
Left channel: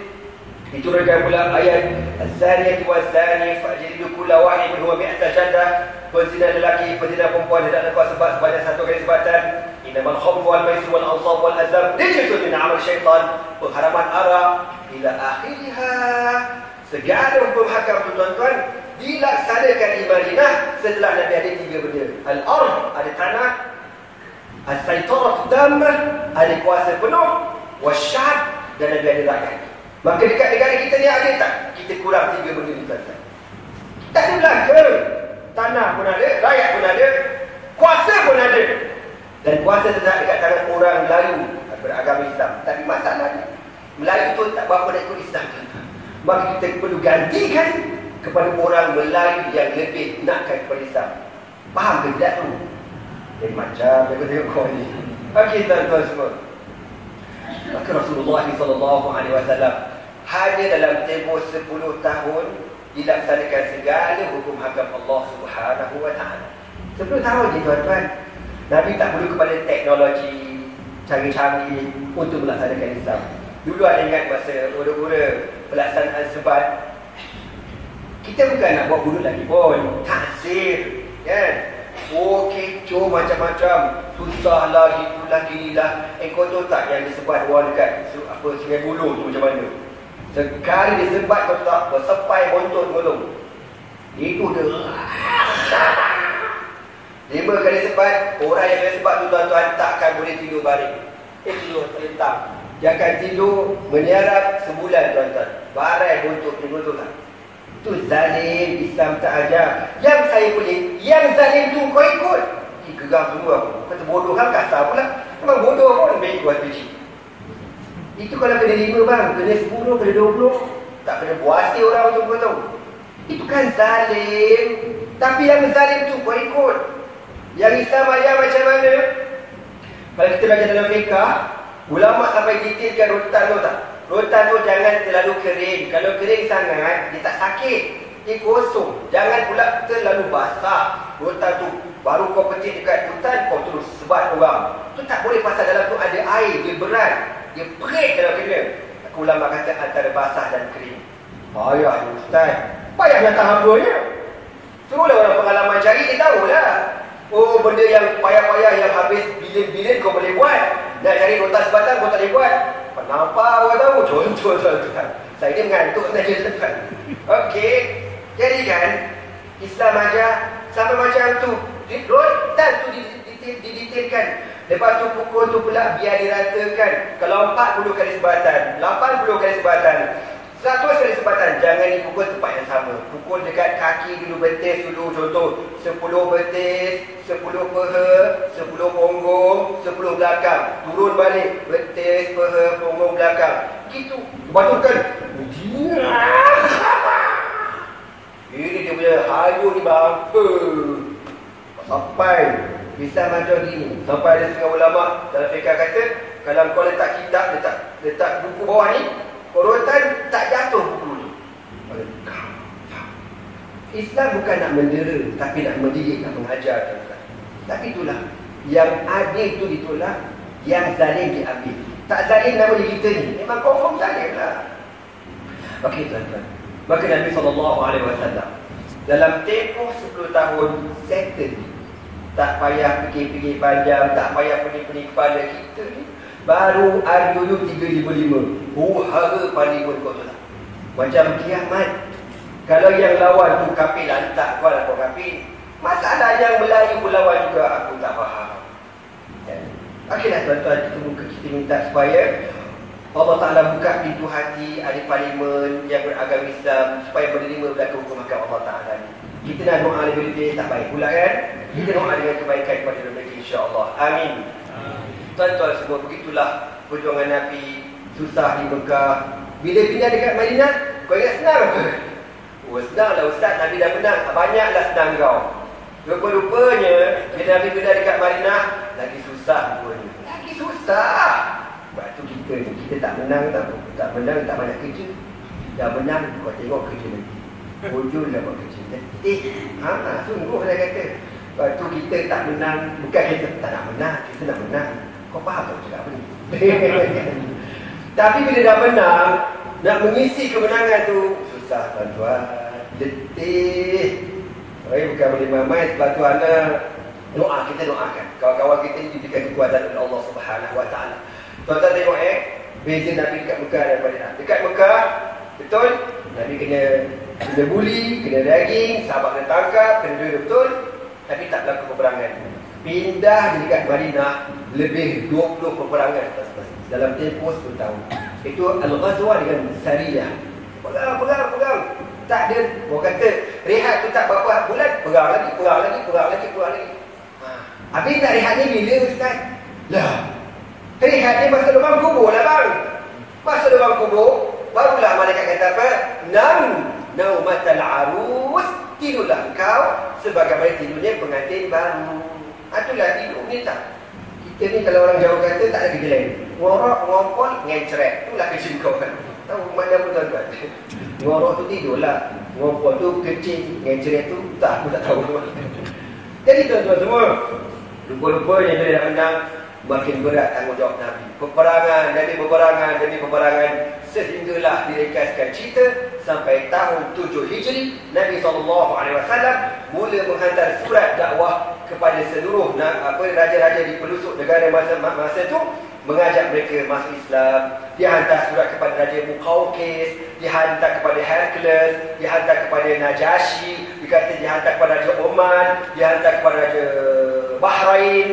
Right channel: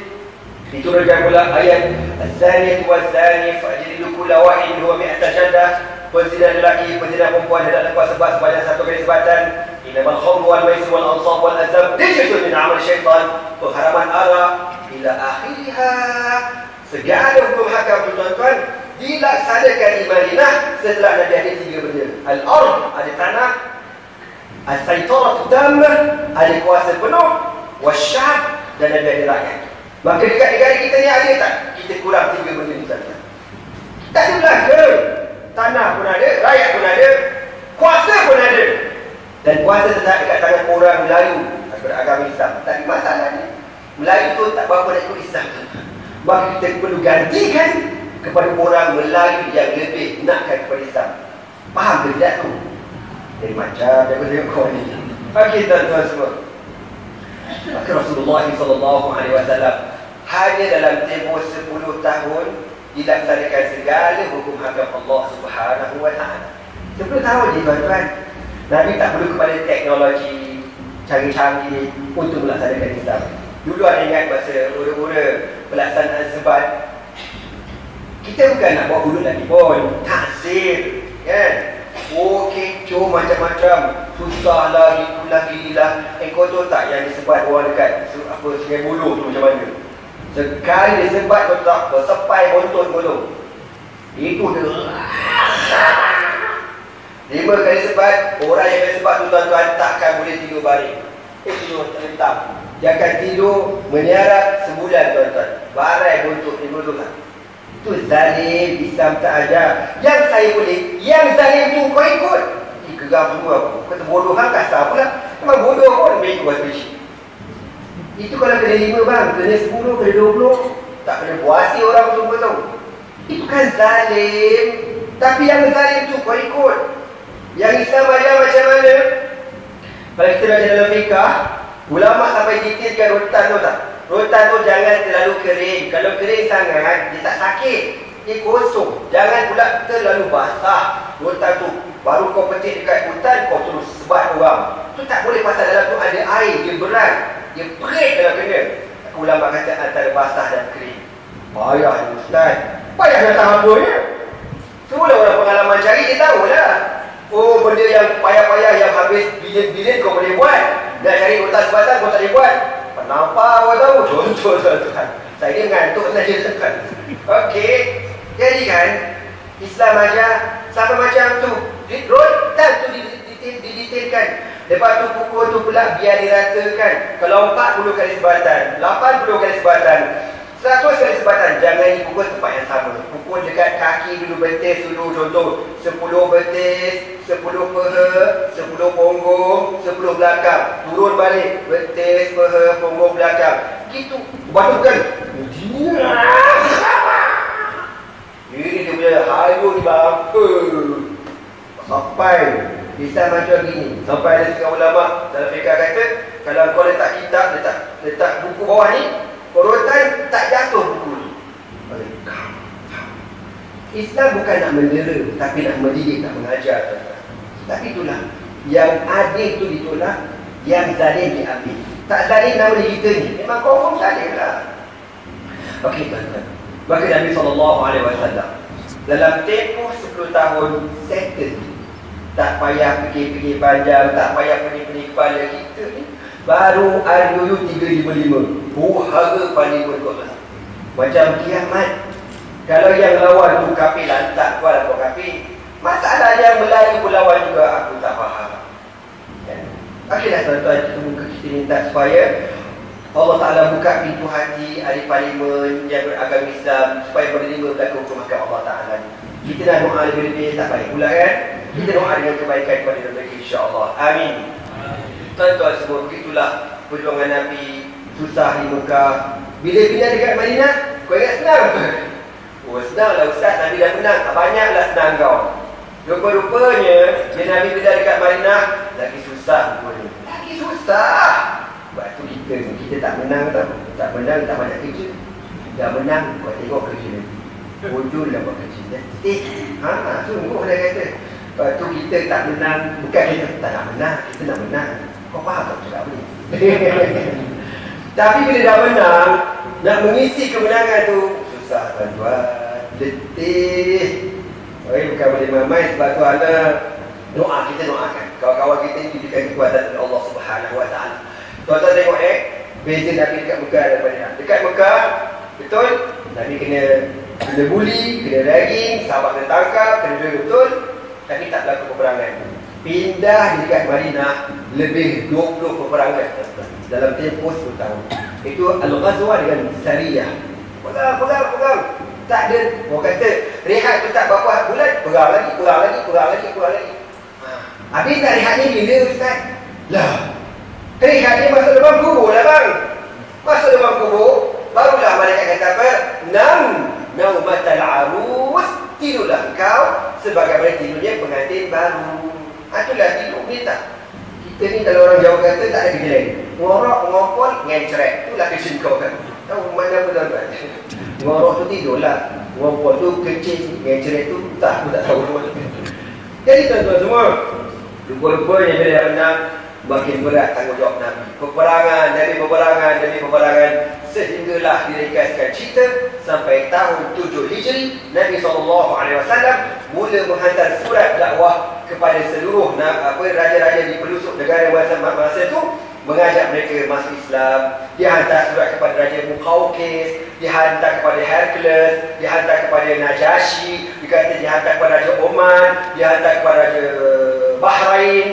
diturunkan pula ayat as-zaniyatu waz-zani fajlidu kulla wahidin minhuma mi'ata jaldah. Penzina lelaki, penzina perempuan tidak dapat sebab sebanyak 1 kali sebatan. Innamal khamru wal maisir wal ansab wal azlam rijsun min amal syaitan. Pengharaman arak ila akhiriha. Segala hukum hakam, tuan-tuan, dilaksanakan di Madinah setelah Nabi ada 3 benda. Al-ard, ada tanah. As-saytarah tammah, ada kuasa penuh. Wasyab, dan Nabi ada rakyat. Maka dekat negara kita ni ada tak? Kita kurang 3 benda ni, tuan-tuan. Tak ada belaka. Tanah pun ada, rakyat pun ada, kuasa pun ada. Dan kuasa tetap dekat tangan orang Melayu beragama Islam. Tapi masalahnya, Melayu tu tak berapa nak ikut Islam, tuan-tuan. Maka kita perlu gantikan kepada orang Melayu yang lebih nakkan kepada Islam. Faham ke tidak tu? Jadi macam yang kita tengok ni. Okey, tuan-tuan semua. Maka Rasulullah SAW hanya dalam tempoh 10 tahun dilaksanakan segala hukum hakam Allah Subhanahu Wa Ta'ala. 10 tahun je, tuan-tuan. Nabi tak perlu kepada teknologi canggih-canggih untuk melaksanakan Islam. Dulu ada ingat masa ura-ura pelaksanaan sebat, Kita bukan nak buat hudud lagi pun. Taksir. Kan? Oh, kecoh macam-macam. Susah lagi lah. Kau tahu tak yang disebat orang dekat Sungai Buloh tu macam mana? Sekali disebat kau tak bersepai bontot kau tu. Itu dia. 5 kali sebat, orang yang sebat tu tuan-tuan takkan boleh tidur balik. Tidur terlentang. Dia akan tidur menyarap sebulan tuan-tuan. Barai bontot ni betul tak? Itu zalim, Islam tak ajar. Yang saya boleh, yang zalim tu kau ikut. Geram dulu aku. Kata bodoh hang kasar pula. Memang bodoh pun make buat biji. Itu kalau kena 5 bang, kena 10, kena 20. Tak kena puasi orang betul-betul. Itu kan zalim. Tapi yang zalim tu kau ikut. Yang Islam ajar macam mana? Kalau kita baca dalam fiqah, ulama sampai detailkan rotan tu tak? Rotan tu jangan terlalu kering. Kalau kering sangat, dia tak sakit. Dia kosong. Jangan pula terlalu basah. Rotan tu, baru kau petik dekat hutan, kau terus sebat orang. Tu tak boleh pasal dalam tu ada air. Dia berat. Dia perit kalau kena. Ulama kata antara basah dan kering. Payah Ustaz. Payah datang apa ni? Semua orang pengalaman cari, dia tahulah. Oh, benda yang payah-payah yang habis bilion-bilion kau boleh buat. Nak cari kotak sebatan kau tak boleh buat. Kenapa awak tahu? Contoh tuan-tuan. Saya ni mengantuk saja tuan-tuan. Okey. Jadi kan, Islam ajar sama macam tu. Rotan tu didetailkan. Lepas tu pukul tu pula biar diratakan. Kalau 40 kali sebatan, 80 kali sebatan, 100 kali sebatan, jangan pukul tempat yang sama. Pukul dekat kaki dulu, betis dulu. Contoh 10 betis, 10 peha, 10 punggung, 10 belakang. Turun balik, betis, peha, punggung, belakang. Gitu. Lepas tu kan, ini dia punya hayu ni bang. Sampai bisa macam gini. Sampai ada setengah ulama dalam fiqah kata, kalau kau letak kitab, letak buku bawah ni, rotan tak jatuh buku ni. Islam bukan nak mendera, tapi nak mendidik, nak mengajar. Tapi itulah, yang adil tu ditolak, yang zalim diambil. Tak zalim nama kita ni, memang confirm zalim lah. Okey tuan-tuan. Maka Nabi SAW dalam tempoh 10 tahun settle. Tak payah fikir-fikir panjang, tak payah pening-pening kepala kita ni. Baru RUU 355. Hara parlimen kau tak. Macam kiamat. Kalau yang lawan tu kafir lantak kau kau kafir. Masalah yang Melayu pun lawan juga aku tak faham. Kan? Akhirnya tuan-tuan kita minta supaya Allah Ta'ala buka pintu hati ahli parlimen yang beragama Islam supaya menerima berlaku hukum mahkamah Allah Ta'ala ni. Kita nak doa lebih-lebih tak baik pula kan? Kita doa dengan kebaikan kepada negeri insya-Allah. Amin. Tuan-tuan semua, begitulah perjuangan Nabi. Susah di Mekah. Bila pindah dekat Madinah, kau ingat senang apa? Oh senang lah Ustaz, Nabi dah menang. Banyaklah senang kau. Rupa-rupanya bila Nabi pindah dekat Madinah, lagi susah rupanya. Lagi susah. Sebab tu kita tak menang tau. Tak menang tak banyak kerja. Dah menang, buat tengok kerja lagi. Ujul lah buat kerja. Letih. Sungguh dah kata. Lepas tu kita tak menang. Bukan kita tak nak menang. Kita nak menang. Kau faham tak cakap apa ni? Tapi bila dah menang, nak mengisi kemenangan tu susah tuan-tuan. Letih. Bukan boleh mamai. Sebab tu anak doa, kita doakan kawan-kawan kita ni diberikan kekuatan oleh Allah Subhanahu Wa Taala. Tuan-tuan tengok beza Nabi dekat Mekah dan Madinah. Dekat Mekah, betul, Nabi kena buli, kena daging, sahabat kena tangkap, kena duit betul, tapi tak berlaku peperangan. Pindah di dekat Madinah, lebih 20 peperangan dalam tempoh 10 tahun. Itu Al-Ghazwa dengan Sariyah. Pegang. Tak ada, orang kata rehat tu tak berapa bulan, perang lagi. Habis tak rehat ni bila Ustaz? Lah, rehat ni masuk dalam kubur lah bang. Masuk dalam kubur, barulah malaikat kata apa? Naumatal arus. Tidurlah engkau sebagaimana tidurnya pengantin baru. Itulah tidur ni tak. Kita ni kalau orang Jawa kata tak ada kerja lain. Ngorok, ngopol, ngencrek. Itulah kerja kau kan. Tahu mana apa tuan-tuan? Ngorok tu tidurlah. Ngopol tu kecil, ngencrek tu tak, aku tak tahu. Jadi tuan-tuan semua, rupa-rupanya bila dah menang, makin berat tanggungjawab Nabi. Peperangan demi peperangan. sehinggalah direkaskan cerita sampai tahun 7 Hijri, Nabi SAW mula menghantar surat dakwah kepada seluruh raja-raja di pelosok negara masa itu, mengajak mereka masuk Islam. Dia hantar surat kepada Raja Muqawqis, dia hantar kepada Hercules, dia hantar kepada Najashi, dihantar kepada Raja Oman, dia hantar kepada Raja Bahrain,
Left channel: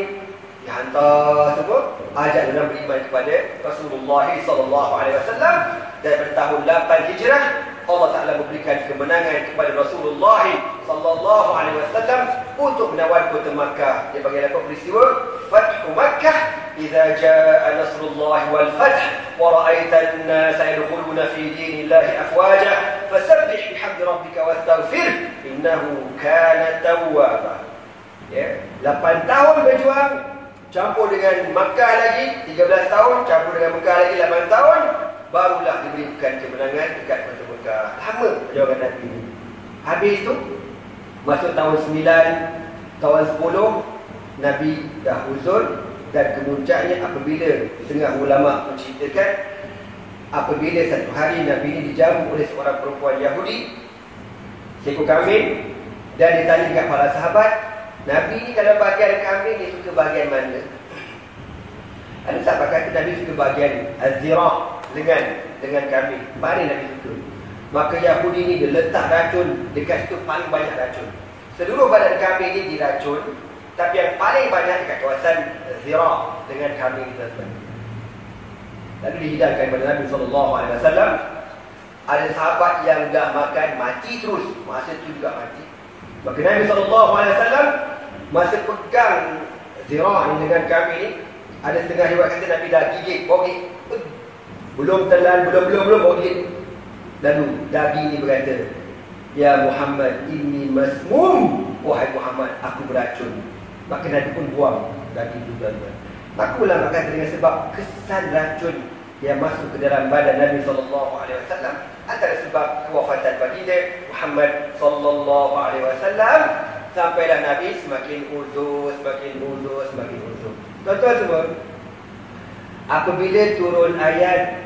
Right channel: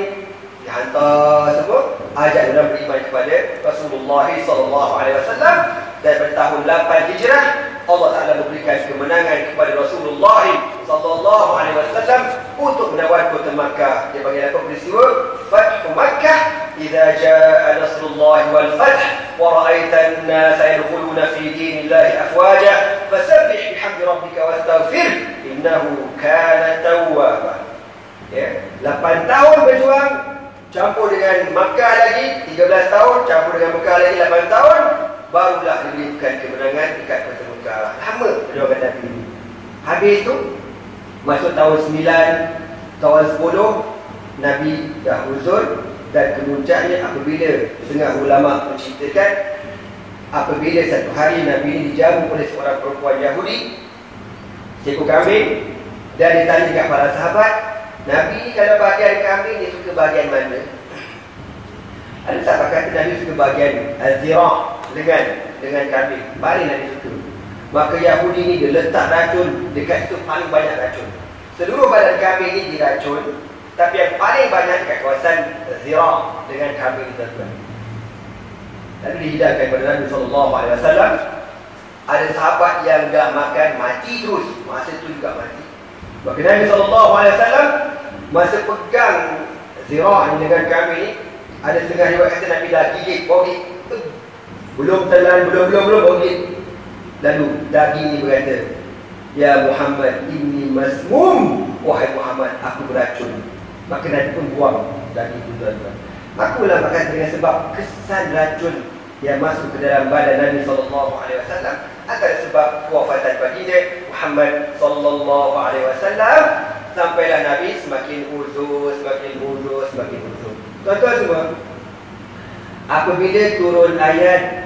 dia hantar semua, ajak orang beriman kepada Rasulullah SAW. Dan pada tahun 8 Hijrah, Allah Ta'ala memberikan kemenangan kepada Rasulullah SAW untuk menawan kota Makkah. Dia bagi apa peristiwa Fathu Makkah. Idza jaa nasrullah wal fath wa ra'aitan an-nas yadkhuluna fi dinillahi afwaja fasabbih bihamdi rabbika wastaghfir innahu kana tawwaba. Ya, 8 tahun berjuang, campur dengan Makkah lagi 13 tahun, campur dengan Makkah lagi 8 tahun, barulah diberikan kemenangan dekat kota Makkah. Lama perjuangan Nabi ini. Habis tu masuk tahun 9, tahun 10 Nabi dah uzur. Dan kemuncaknya apabila setengah ulama menceritakan, apabila satu hari Nabi ini dijamu oleh seorang perempuan Yahudi, seekor kambing, dan ditanya kepada para sahabat, Nabi dalam bahagian kambing dia suka bahagian mana? Ada sahabat kata Nabi suka bahagian az-zira', lengan kambing, paling Nabi suka. Maka Yahudi ni dia letak racun dekat situ, paling banyak racun. Seluruh badan kambing ni diracun, tapi yang paling banyak dekat kawasan zira' dengan kambing itu, tuan. Lalu dihidangkan kepada Nabi SAW. Ada sahabat yang dah makan mati terus, masa itu juga mati. Maka Nabi SAW masa pegang zira' dengan kambing ni, ada setengah riwayat kata Nabi dah gigit, bau gigit. Belum telan, belum bau gigit. Lalu daging ni berkata, Ya Muhammad, inni masmum. Wahai Muhammad, aku beracun. Maka Nabi pun buang daging itu, tuan-tuan. Maka ulama kata dengan sebab kesan racun yang masuk ke dalam badan Nabi SAW, antara sebab kewafatan baginda Muhammad SAW, sampailah Nabi semakin uzur. Tuan-tuan semua, apabila turun ayat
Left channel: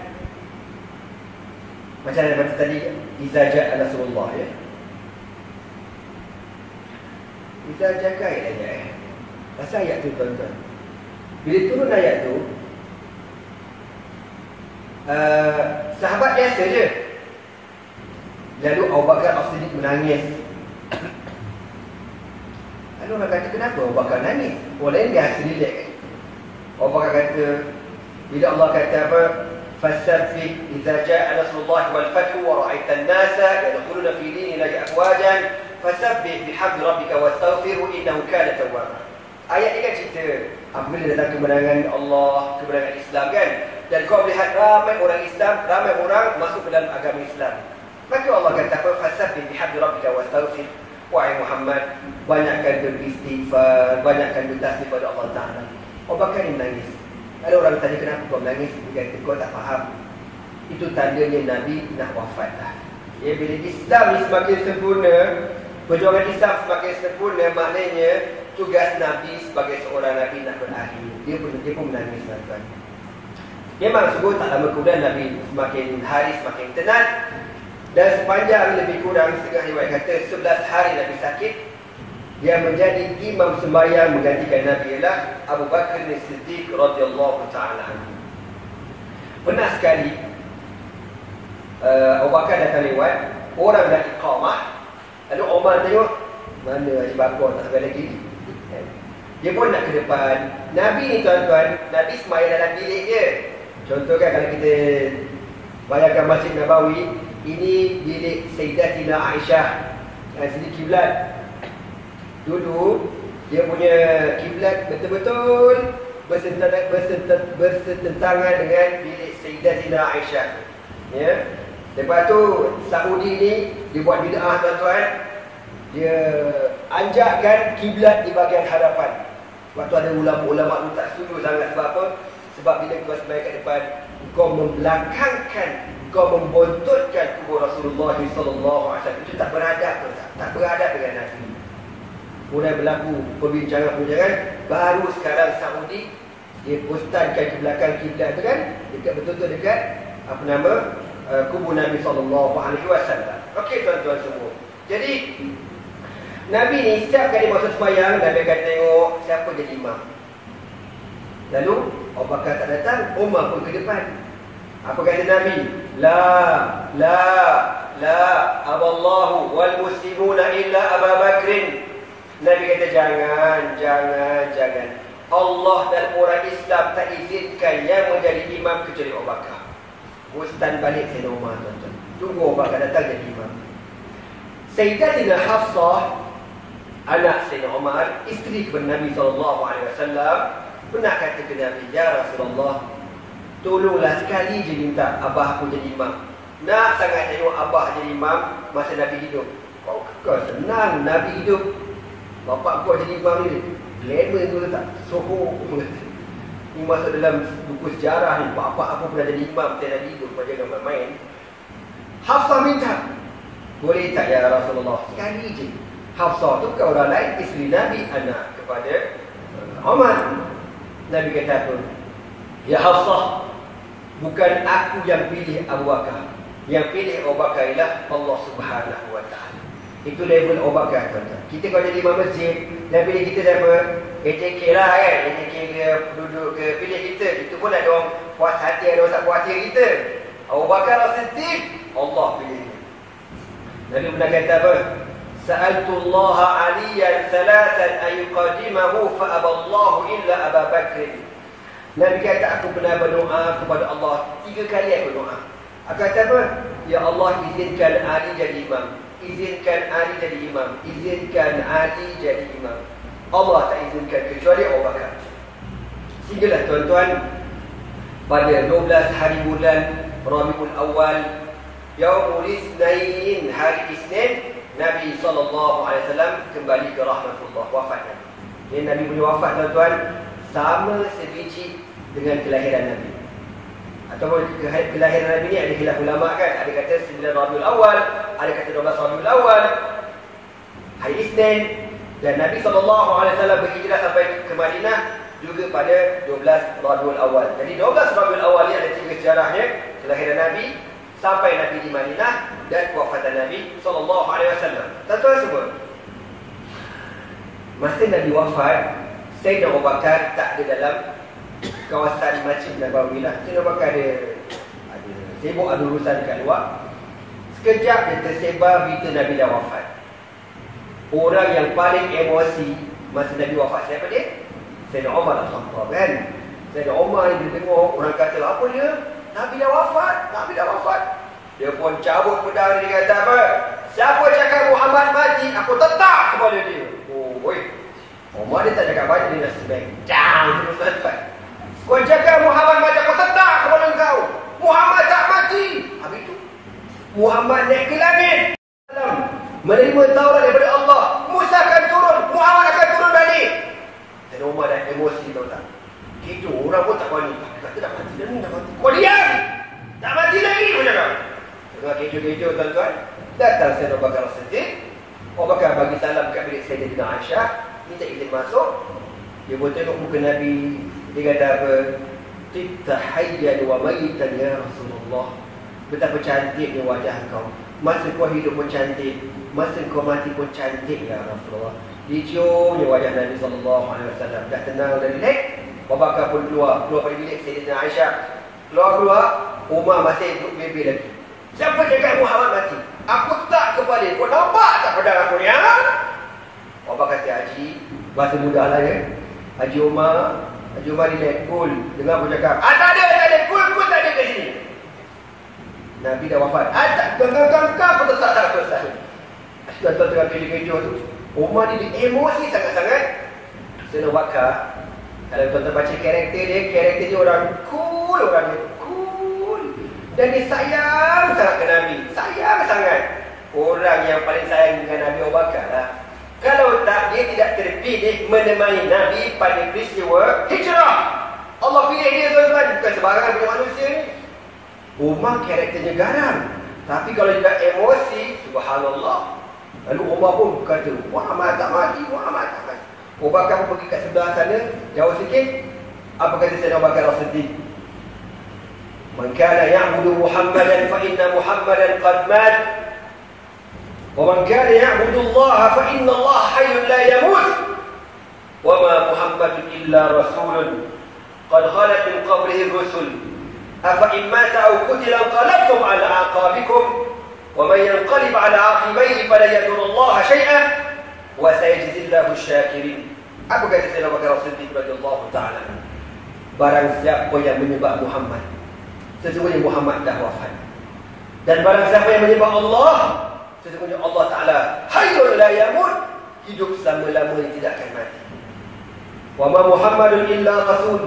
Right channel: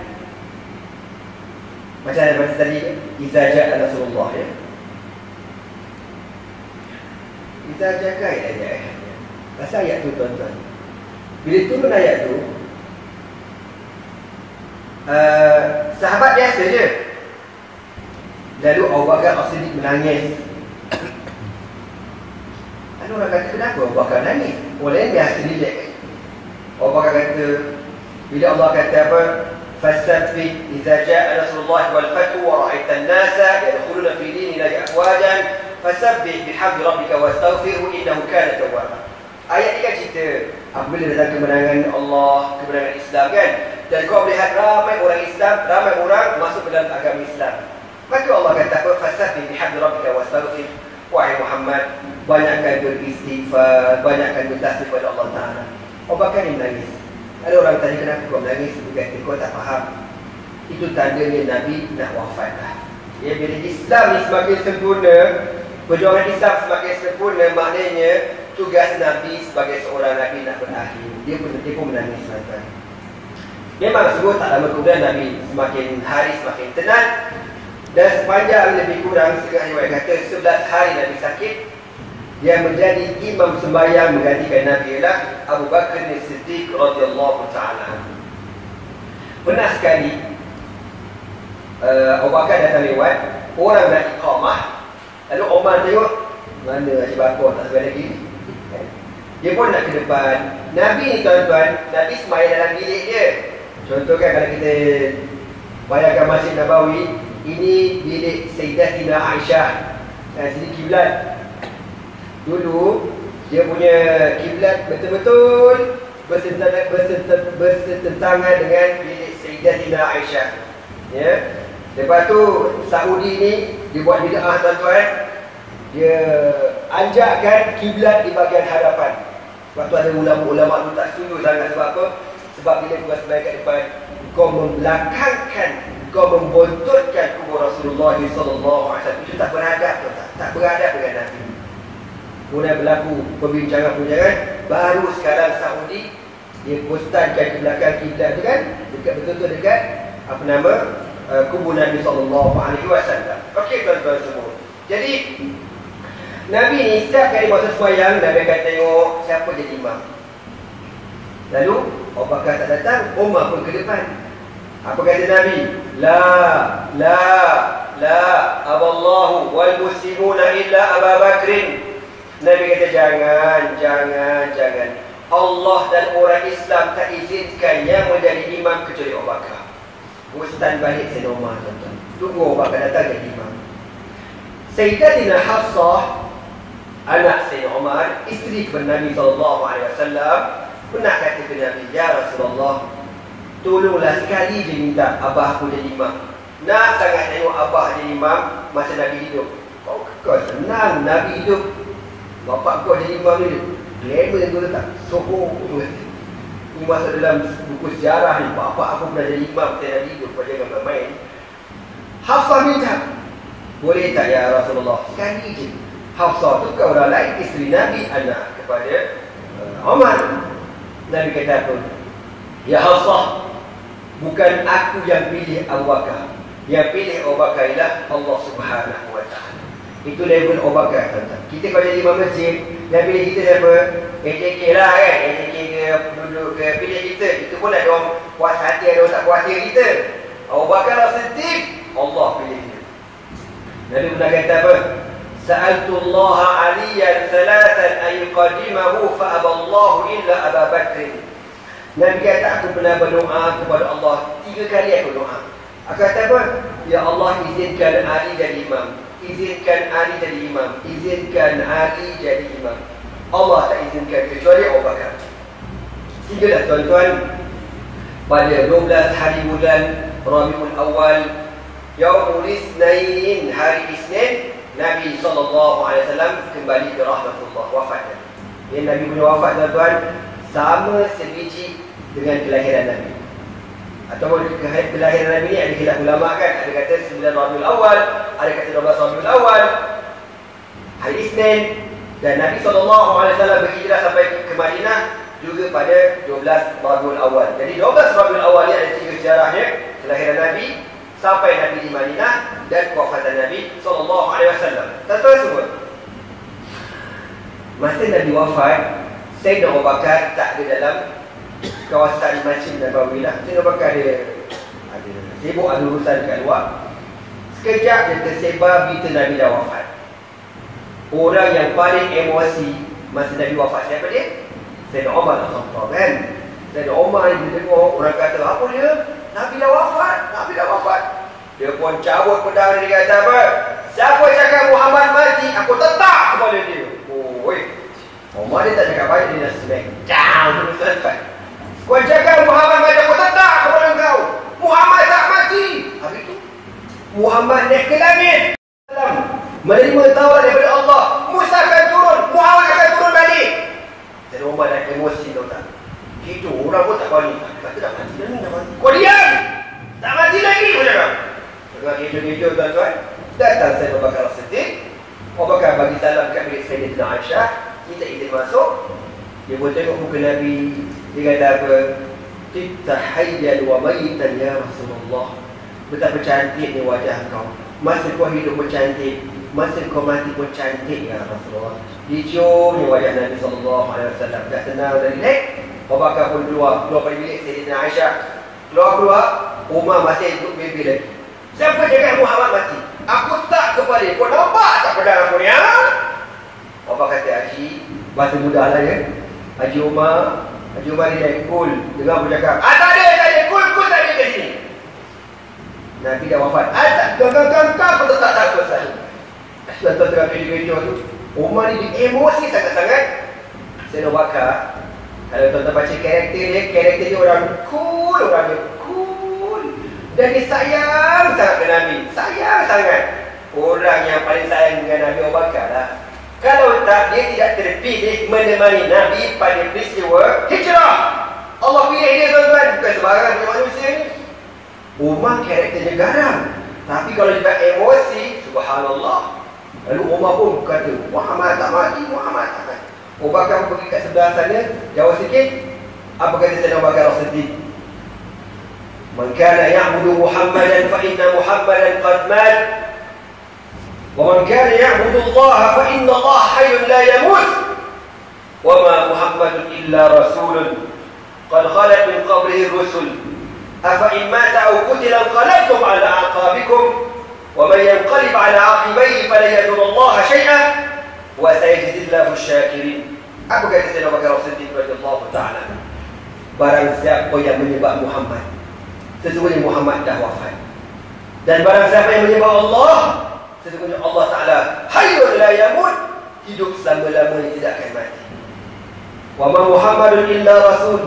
macam yang baca tadi, Iza ja'a Rasulullah, ya. Iza ja'a ayat. Pasal ayat tu, tuan-tuan, bila turun ayat tu, sahabat biasa je. Lalu Abu Bakar As-Siddiq menangis. Lalu orang kata, kenapa Abu Bakar nangis? Orang lain biasa relax. Abu Bakar kata, bila Allah kata apa, Fasabbih idza jaa Rasulullah wal fathu wa ra'aitan nasa yadkhuluna fi dinillahi afwajan fasabbih bihamdi rabbika wastaghfirhu innahu kana tawwaba. Ayat ni kan cerita apabila datang kemenangan Allah, kemenangan Islam, kan? Dan kau melihat ramai orang Islam, ramai orang masuk ke dalam agama Islam. Maka Allah kata apa? Fasabbih bihamdi rabbika wastaghfir. Wahai Muhammad, banyakkan beristighfar, banyakkan bertasbih kepada Allah Ta'ala. Abu Bakar ni menangis. Ada orang tanya kenapa kau menangis? Dia kata kau tak faham. Itu tandanya Nabi nak wafat dah. Ya, bila Islam ni semakin sempurna, perjuangan Islam semakin sempurna, maknanya tugas Nabi sebagai seorang Nabi nak berakhir. Dia pun menangis, tuan-tuan. Memang sungguh tak lama kemudian Nabi semakin hari semakin tenang. Dan sepanjang lebih kurang setengah riwayat kata 11 hari Nabi sakit. Yang menjadi imam sembahyang menggantikan Nabi ialah Abu Bakar As-Siddiq radhiyallahu ta'ala. Pernah sekali Abu Bakar datang lewat, orang nak iqamah. Lalu Umar tengok, mana Haji Bakar tak sampai lagi. Dia pun nak ke depan. Nabi ni, tuan-tuan, Nabi sembahyang dalam bilik dia. Contoh kan, kalau kita bayangkan Masjid Nabawi, ini bilik Sayyidatina Aisyah. Sini kiblat. Dulu dia punya kiblat betul-betul bersetentangan dengan bilik Sayyidatina Aisyah. Ya. Lepas tu Saudi ni dia buat bid'ah, tuan-tuan. Dia anjakkan kiblat di bahagian hadapan. Waktu ada ulama-ulama tu tak setuju sangat. Sebab apa? Sebab bila kau sembahyang kat depan, kau membelakangkan, kau membontotkan kubur Rasulullah SAW. Itu tak beradab, tak beradab dengan Nabi. Kemudian berlaku perbincangan-perbincangan. Baru sekarang Saudi dia postankan ke belakang kiblat tu, kan, dekat betul-betul dekat apa nama, kubu Nabi SAW. Okey tuan-tuan semua. Jadi Nabi ni setiap kali masa sembahyang, Nabi akan tengok siapa jadi imam. Lalu Abu Bakar tak datang, Umar pun ke depan. Apa kata Nabi? La aballahu wal muslimuna illa Abu Bakrin. Nabi kata jangan. Allah dan orang Islam tak izinkan yang menjadi imam kecuali Abu Bakar. Ustaz balik Sayyidina Umar, tuan-tuan. Tunggu Abu Bakar datang jadi imam. Sayyidatina Hafsah, anak Sayyidina Umar, isteri kepada Nabi SAW, pernah kata ke Nabi, ya Rasulullah, tolonglah sekali je minta abah aku jadi imam. Nak sangat tengok abah jadi imam masa Nabi hidup. Kau senang Nabi hidup, bapak kau jadi imam ni, glamour tu tak? Soho. Ini masuk dalam buku sejarah ni, bapak aku pernah jadi imam masa Nabi hidup. Kau jangan main. Hafsah minta, boleh tak ya Rasulullah, sekali je. Hafsah tu kau orang lain, isteri Nabi, anak kepada Umar. Nabi kata apa? Ya Hafsah, bukan aku yang pilih Abu Bakar. Yang pilih Abu Bakar ialah Allah Subhanahu Wa Taala. Itu level Abu Bakar, tuan-tuan. Kita kalau jadi imam masjid, yang pilih kita siapa? AJK lah kan. AJK ke duduk ke pilih kita. Itu pun ada orang puas hati, ada orang tak puas hati kita. Abu Bakar As-Siddiq, Allah pilih dia. Nabi pernah kata apa? Sa'altullaha aliyan thalathan ayuqadimahu fa'aballahu illa Abu Bakr. Nabi kata aku pernah berdoa kepada Allah 3 kali aku doa. Aku kata apa? Ya Allah, izinkan Ali jadi imam. Izinkan Ali jadi imam. Izinkan Ali jadi imam. Allah tak izinkan kecuali Abu Bakar. Sehinggalah tuan-tuan, pada 12 hari bulan Rabiul Awal, Yaumul Isnin, hari Isnin, Nabi SAW kembali ke rahmatullah, wafat Nabi. Yang Nabi punya wafat, tuan-tuan, sama sebiji dengan kelahiran Nabi. Ataupun kelahiran Nabi ni ada khilaf ulama kan. Ada kata 9 Rabiul Awal, ada kata 12 Rabiul Awal, hari Isnin. Dan Nabi SAW berhijrah sampai ke Madinah juga pada 12 Rabiul Awal. Jadi 12 Rabiul Awal ni ada 3 sejarahnya. Kelahiran Nabi, sampai Nabi di Madinah, dan kewafatan Nabi SAW. Tuan-tuan semua, masa Nabi wafat, Sayyidina Abu Bakar tak ada dalam kawasan Masjid Nabawi lah. Sayyidina Abu Bakar ada sibuk ada urusan kat luar. Sekejap dia tersebar berita Nabi dah wafat. Orang yang paling emosi masa Nabi wafat siapa dia? Sayyidina Umar Al-Khattab kan. Sayyidina Umar ni dia tengok orang kata apa dia? Nabi dah wafat, Nabi dah wafat. Dia pun cabut pedang dia, kata apa? Siapa cakap Muhammad mati, aku tetap kepada dia. Oh, Umar dia tak cakap banyak, dia dah smack down terus selesai. Kau cakap Muhammad mati, aku tetap kepada engkau. Muhammad tak mati. Habis itu Muhammad naik ke langit, menerima tawaran daripada Allah. Musa akan turun, Muhammad akan turun balik. Dan Umar dah emosi, tuan-tuan. Gitu orang pun tak panik. Dia kata dah mati dah ni, dah mati. Kau diam, tak mati lagi, kau cakap. Tengah kejo-kejo, tuan-tuan, datang Sayyidina Abu Bakar As-Siddiq. Abu Bakar bagi salam kat bilik Sayyidatina Aisyah, minta izin masuk. Dia pun tengok muka Nabi. Dia kata apa? Tibta hayyan wa mayitan ya Rasulullah. Betapa cantiknya wajah kau. Masa kau hidup pun cantik, masa kau mati pun cantik ya Rasulullah. Diciumnya wajah Nabi SAW. Dah tenang, dah relax. Abu Bakar pun keluar dari bilik Sayyidatina Aisyah. Keluar, Umar masih duduk bebe lagi. Siapa cakap Muhammad mati? Aku tak kepada. Kau nampak tak pedang aku ni? Abu Bakar kata, Haji, bahasa mudah lah ya. Haji Umar dia cool. Dengar aku cakap, tak ada, cool tak ada kat sini. Nabi dah wafat. Tak, kau pun tetap takut saya. Tuan-tuan tengah kejo-kejo tu, Umar ni dia emosi sangat-sangat. Sayyidina Abu Bakar, kalau tuan-tuan baca karakter dia orang cool, dan dia sayang sangat ke Nabi. Sayang sangat. Orang yang paling sayang dengan Nabi Abu Bakar lah. Kalau tak, dia tidak terpilih menemani Nabi pada peristiwa hijrah. Allah pilih dia, tuan-tuan. Bukan sembarangan punya manusia ni. Umar karakternya garang, tapi kalau dia emosi, subhanallah. Lalu Umar pun kata, Muhammad tak mati. Abu Bakar pun pergi kat sebelah sana, jauh sikit. Apa kata Sayyidina Abu Bakar As-Siddiq? Man kana ya'budu Muhammadan fa inna Muhammadan qad mat. Wa man kana ya'budu Allah fa inna Allah hayyun la yamut. Wa ma Muhammadun illa rasulun qad khalat min qablihi rusul. Afa in mata aw qutila anqalabtum ala aqabikum. Wa man yanqalib ala aqibayhi fala yadur Allah shay'an wa sayajzillahu asy-syakirin. Apa kata Sayyidina Abu Bakar As-Siddiq radhiyallahu ta'ala? Barang siapa yang menyembah Muhammad, sesungguhnya Muhammad dah wafat. Dan barang siapa yang menyembah Allah, sesungguhnya Allah Ta'ala hayyun la yamut, hidup selama-lamanya tidak akan mati. Wa ma Muhammadun illa rasul,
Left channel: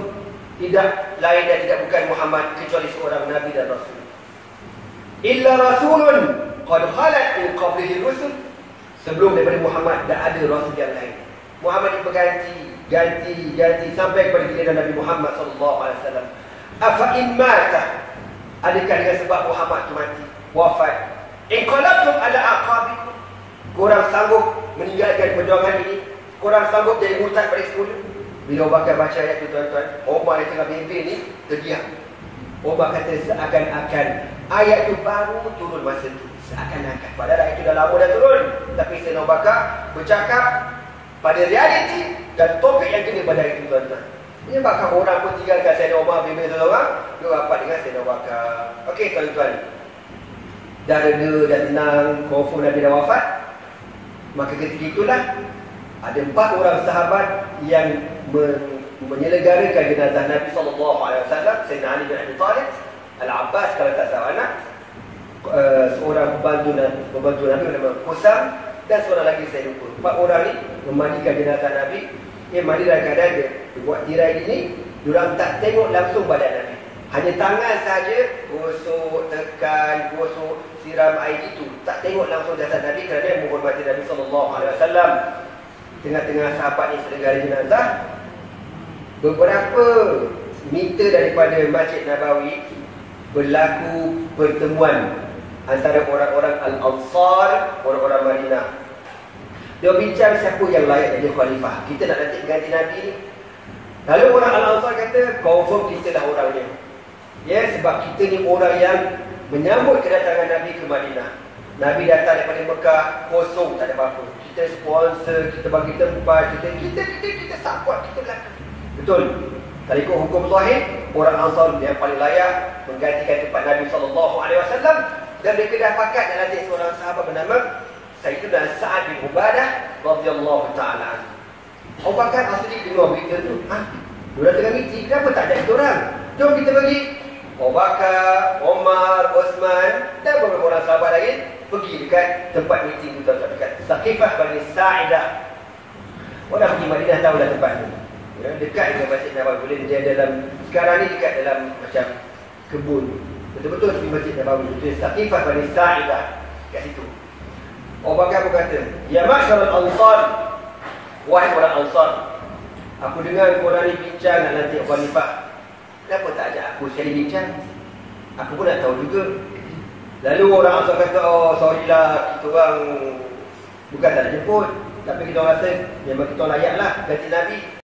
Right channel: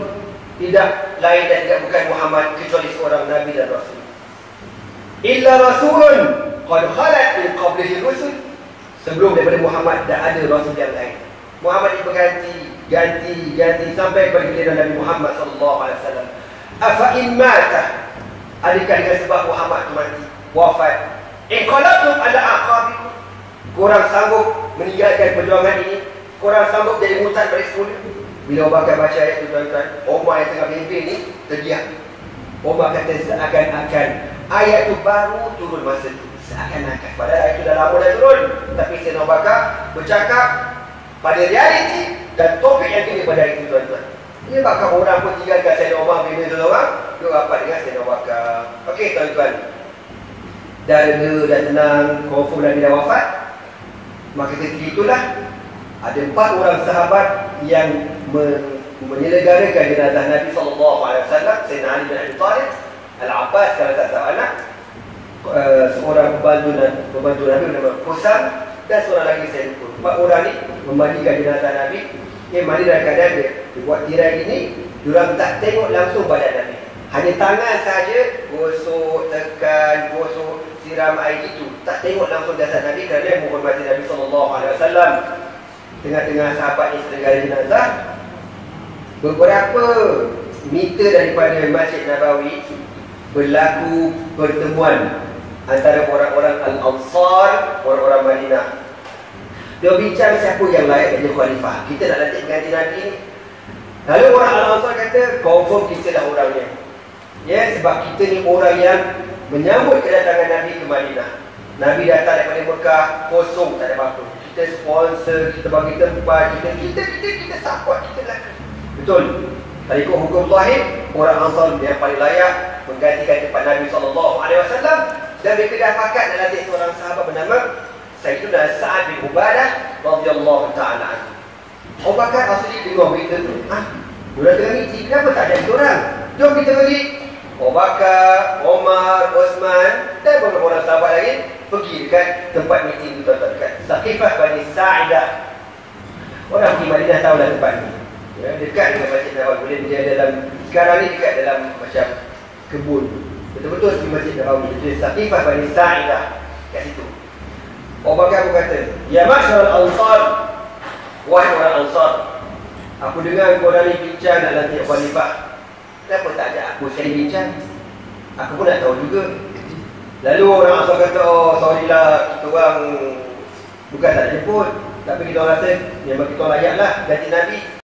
tidak lain dan tidak bukan Muhammad kecuali seorang nabi dan rasul. Illa rasulun qad khalat min qablihi rusul. Sebelum daripada Muhammad dah ada rasul yang lain. Muhammad ganti sampai kepada giliran Nabi Muhammad sallallahu alaihi wasallam. Afa in mata, adakah dengan sebab Muhammad tu mati, wafat, inqalabtum ala aqabikum, korang sanggup meninggalkan perjuangan ini, korang sanggup jadi murtad balik semula? Bila Abu Bakar baca ayat itu, tuan-tuan, Umar yang tengah bimbing ni terdiam. Umar kata seakan-akan ayat itu baru turun masa itu, seakan-akan, padahal ayat itu dah lama dah turun. Tapi Sayyidina Abu Bakar bercakap pada realiti dan topik yang kini pada hari itu, tuan-tuan. Ini bakal orang pun tinggalkan Sayyidina Umar bimbing seorang, dia rapat dengan Sayyidina Abu Bakar. Okey, tuan-tuan, dah reda, dah tenang, confirm Nabi dah wafat. Maka ketika itulah ada 4 orang sahabat yang menyelenggarakan jenazah Nabi SAW. Sayyidina Ali bin Abi Thalib, Al-Abbas kalau tak salah anak, seorang pembantu Nabi bernama Qusam, dan seorang lagi saya lupa. 4 orang ni memandikan jenazah Nabi. Mandi dalam keadaan dia buat tirai ini, diorang tak tengok langsung badan Nabi, hanya tangan saja, gosok, tekan, gosok, siram air itu. Tak tengok langsung jasad Nabi kerana menghormati Nabi SAW. Tengah-tengah sahabat ni sedang jenazah, beberapa meter daripada Masjid Nabawi berlaku pertemuan antara orang-orang Al-Ansar, orang-orang Madinah. Dia bincang siapa yang layak jadi khalifah. Kita nak lantik ganti Nabi ni. Lalu orang Al-Ansar kata, confirm kita lah orangnya. Ya, sebab kita ni orang yang menyambut kedatangan Nabi ke Madinah. Nabi datang daripada Mekah, kosong, tak ada apa-apa. Kita sponsor, kita bagi tempat, kita support, kita belakang. Betul. Kalau ikut hukum zahir, orang Ansar yang paling layak menggantikan tempat Nabi SAW. Dan mereka dah pakat nak lantik seorang sahabat bernama Sayyidina Sa'ad bin Ubadah radhiyallahu ta'ala anhu. Abu Bakar As-Siddiq dengar berita tu. Diorang tengah meeting, kenapa tak ada orang? Jom kita pergi. Abu Bakar, Omar, Osman dan beberapa orang sahabat lagi pergi dekat tempat meeting itu, dekat Saqifah Bani Sa'idah. Orang pergi Madinah tahulah tempat ni. Ya, dekat dengan Masjid Nabawi. Boleh dia dalam, sekarang ni dekat dalam macam kebun. Betul-betul seperti Masjid Nabawi. Itu Saqifah Bani Sa'idah kat situ. Abu Bakar berkata, ya ma'syaral ansar, wahai orang Ansar, aku dengar korang ni bincang nak lantik khalifah. Kenapa tak ajak aku sekali bincang? Aku pun nak tahu juga. Lalu orang Ansar kata, oh sorry lah, kita orang bukan tak nak jemput, tapi kita rasa memang kita layak lah ganti Nabi.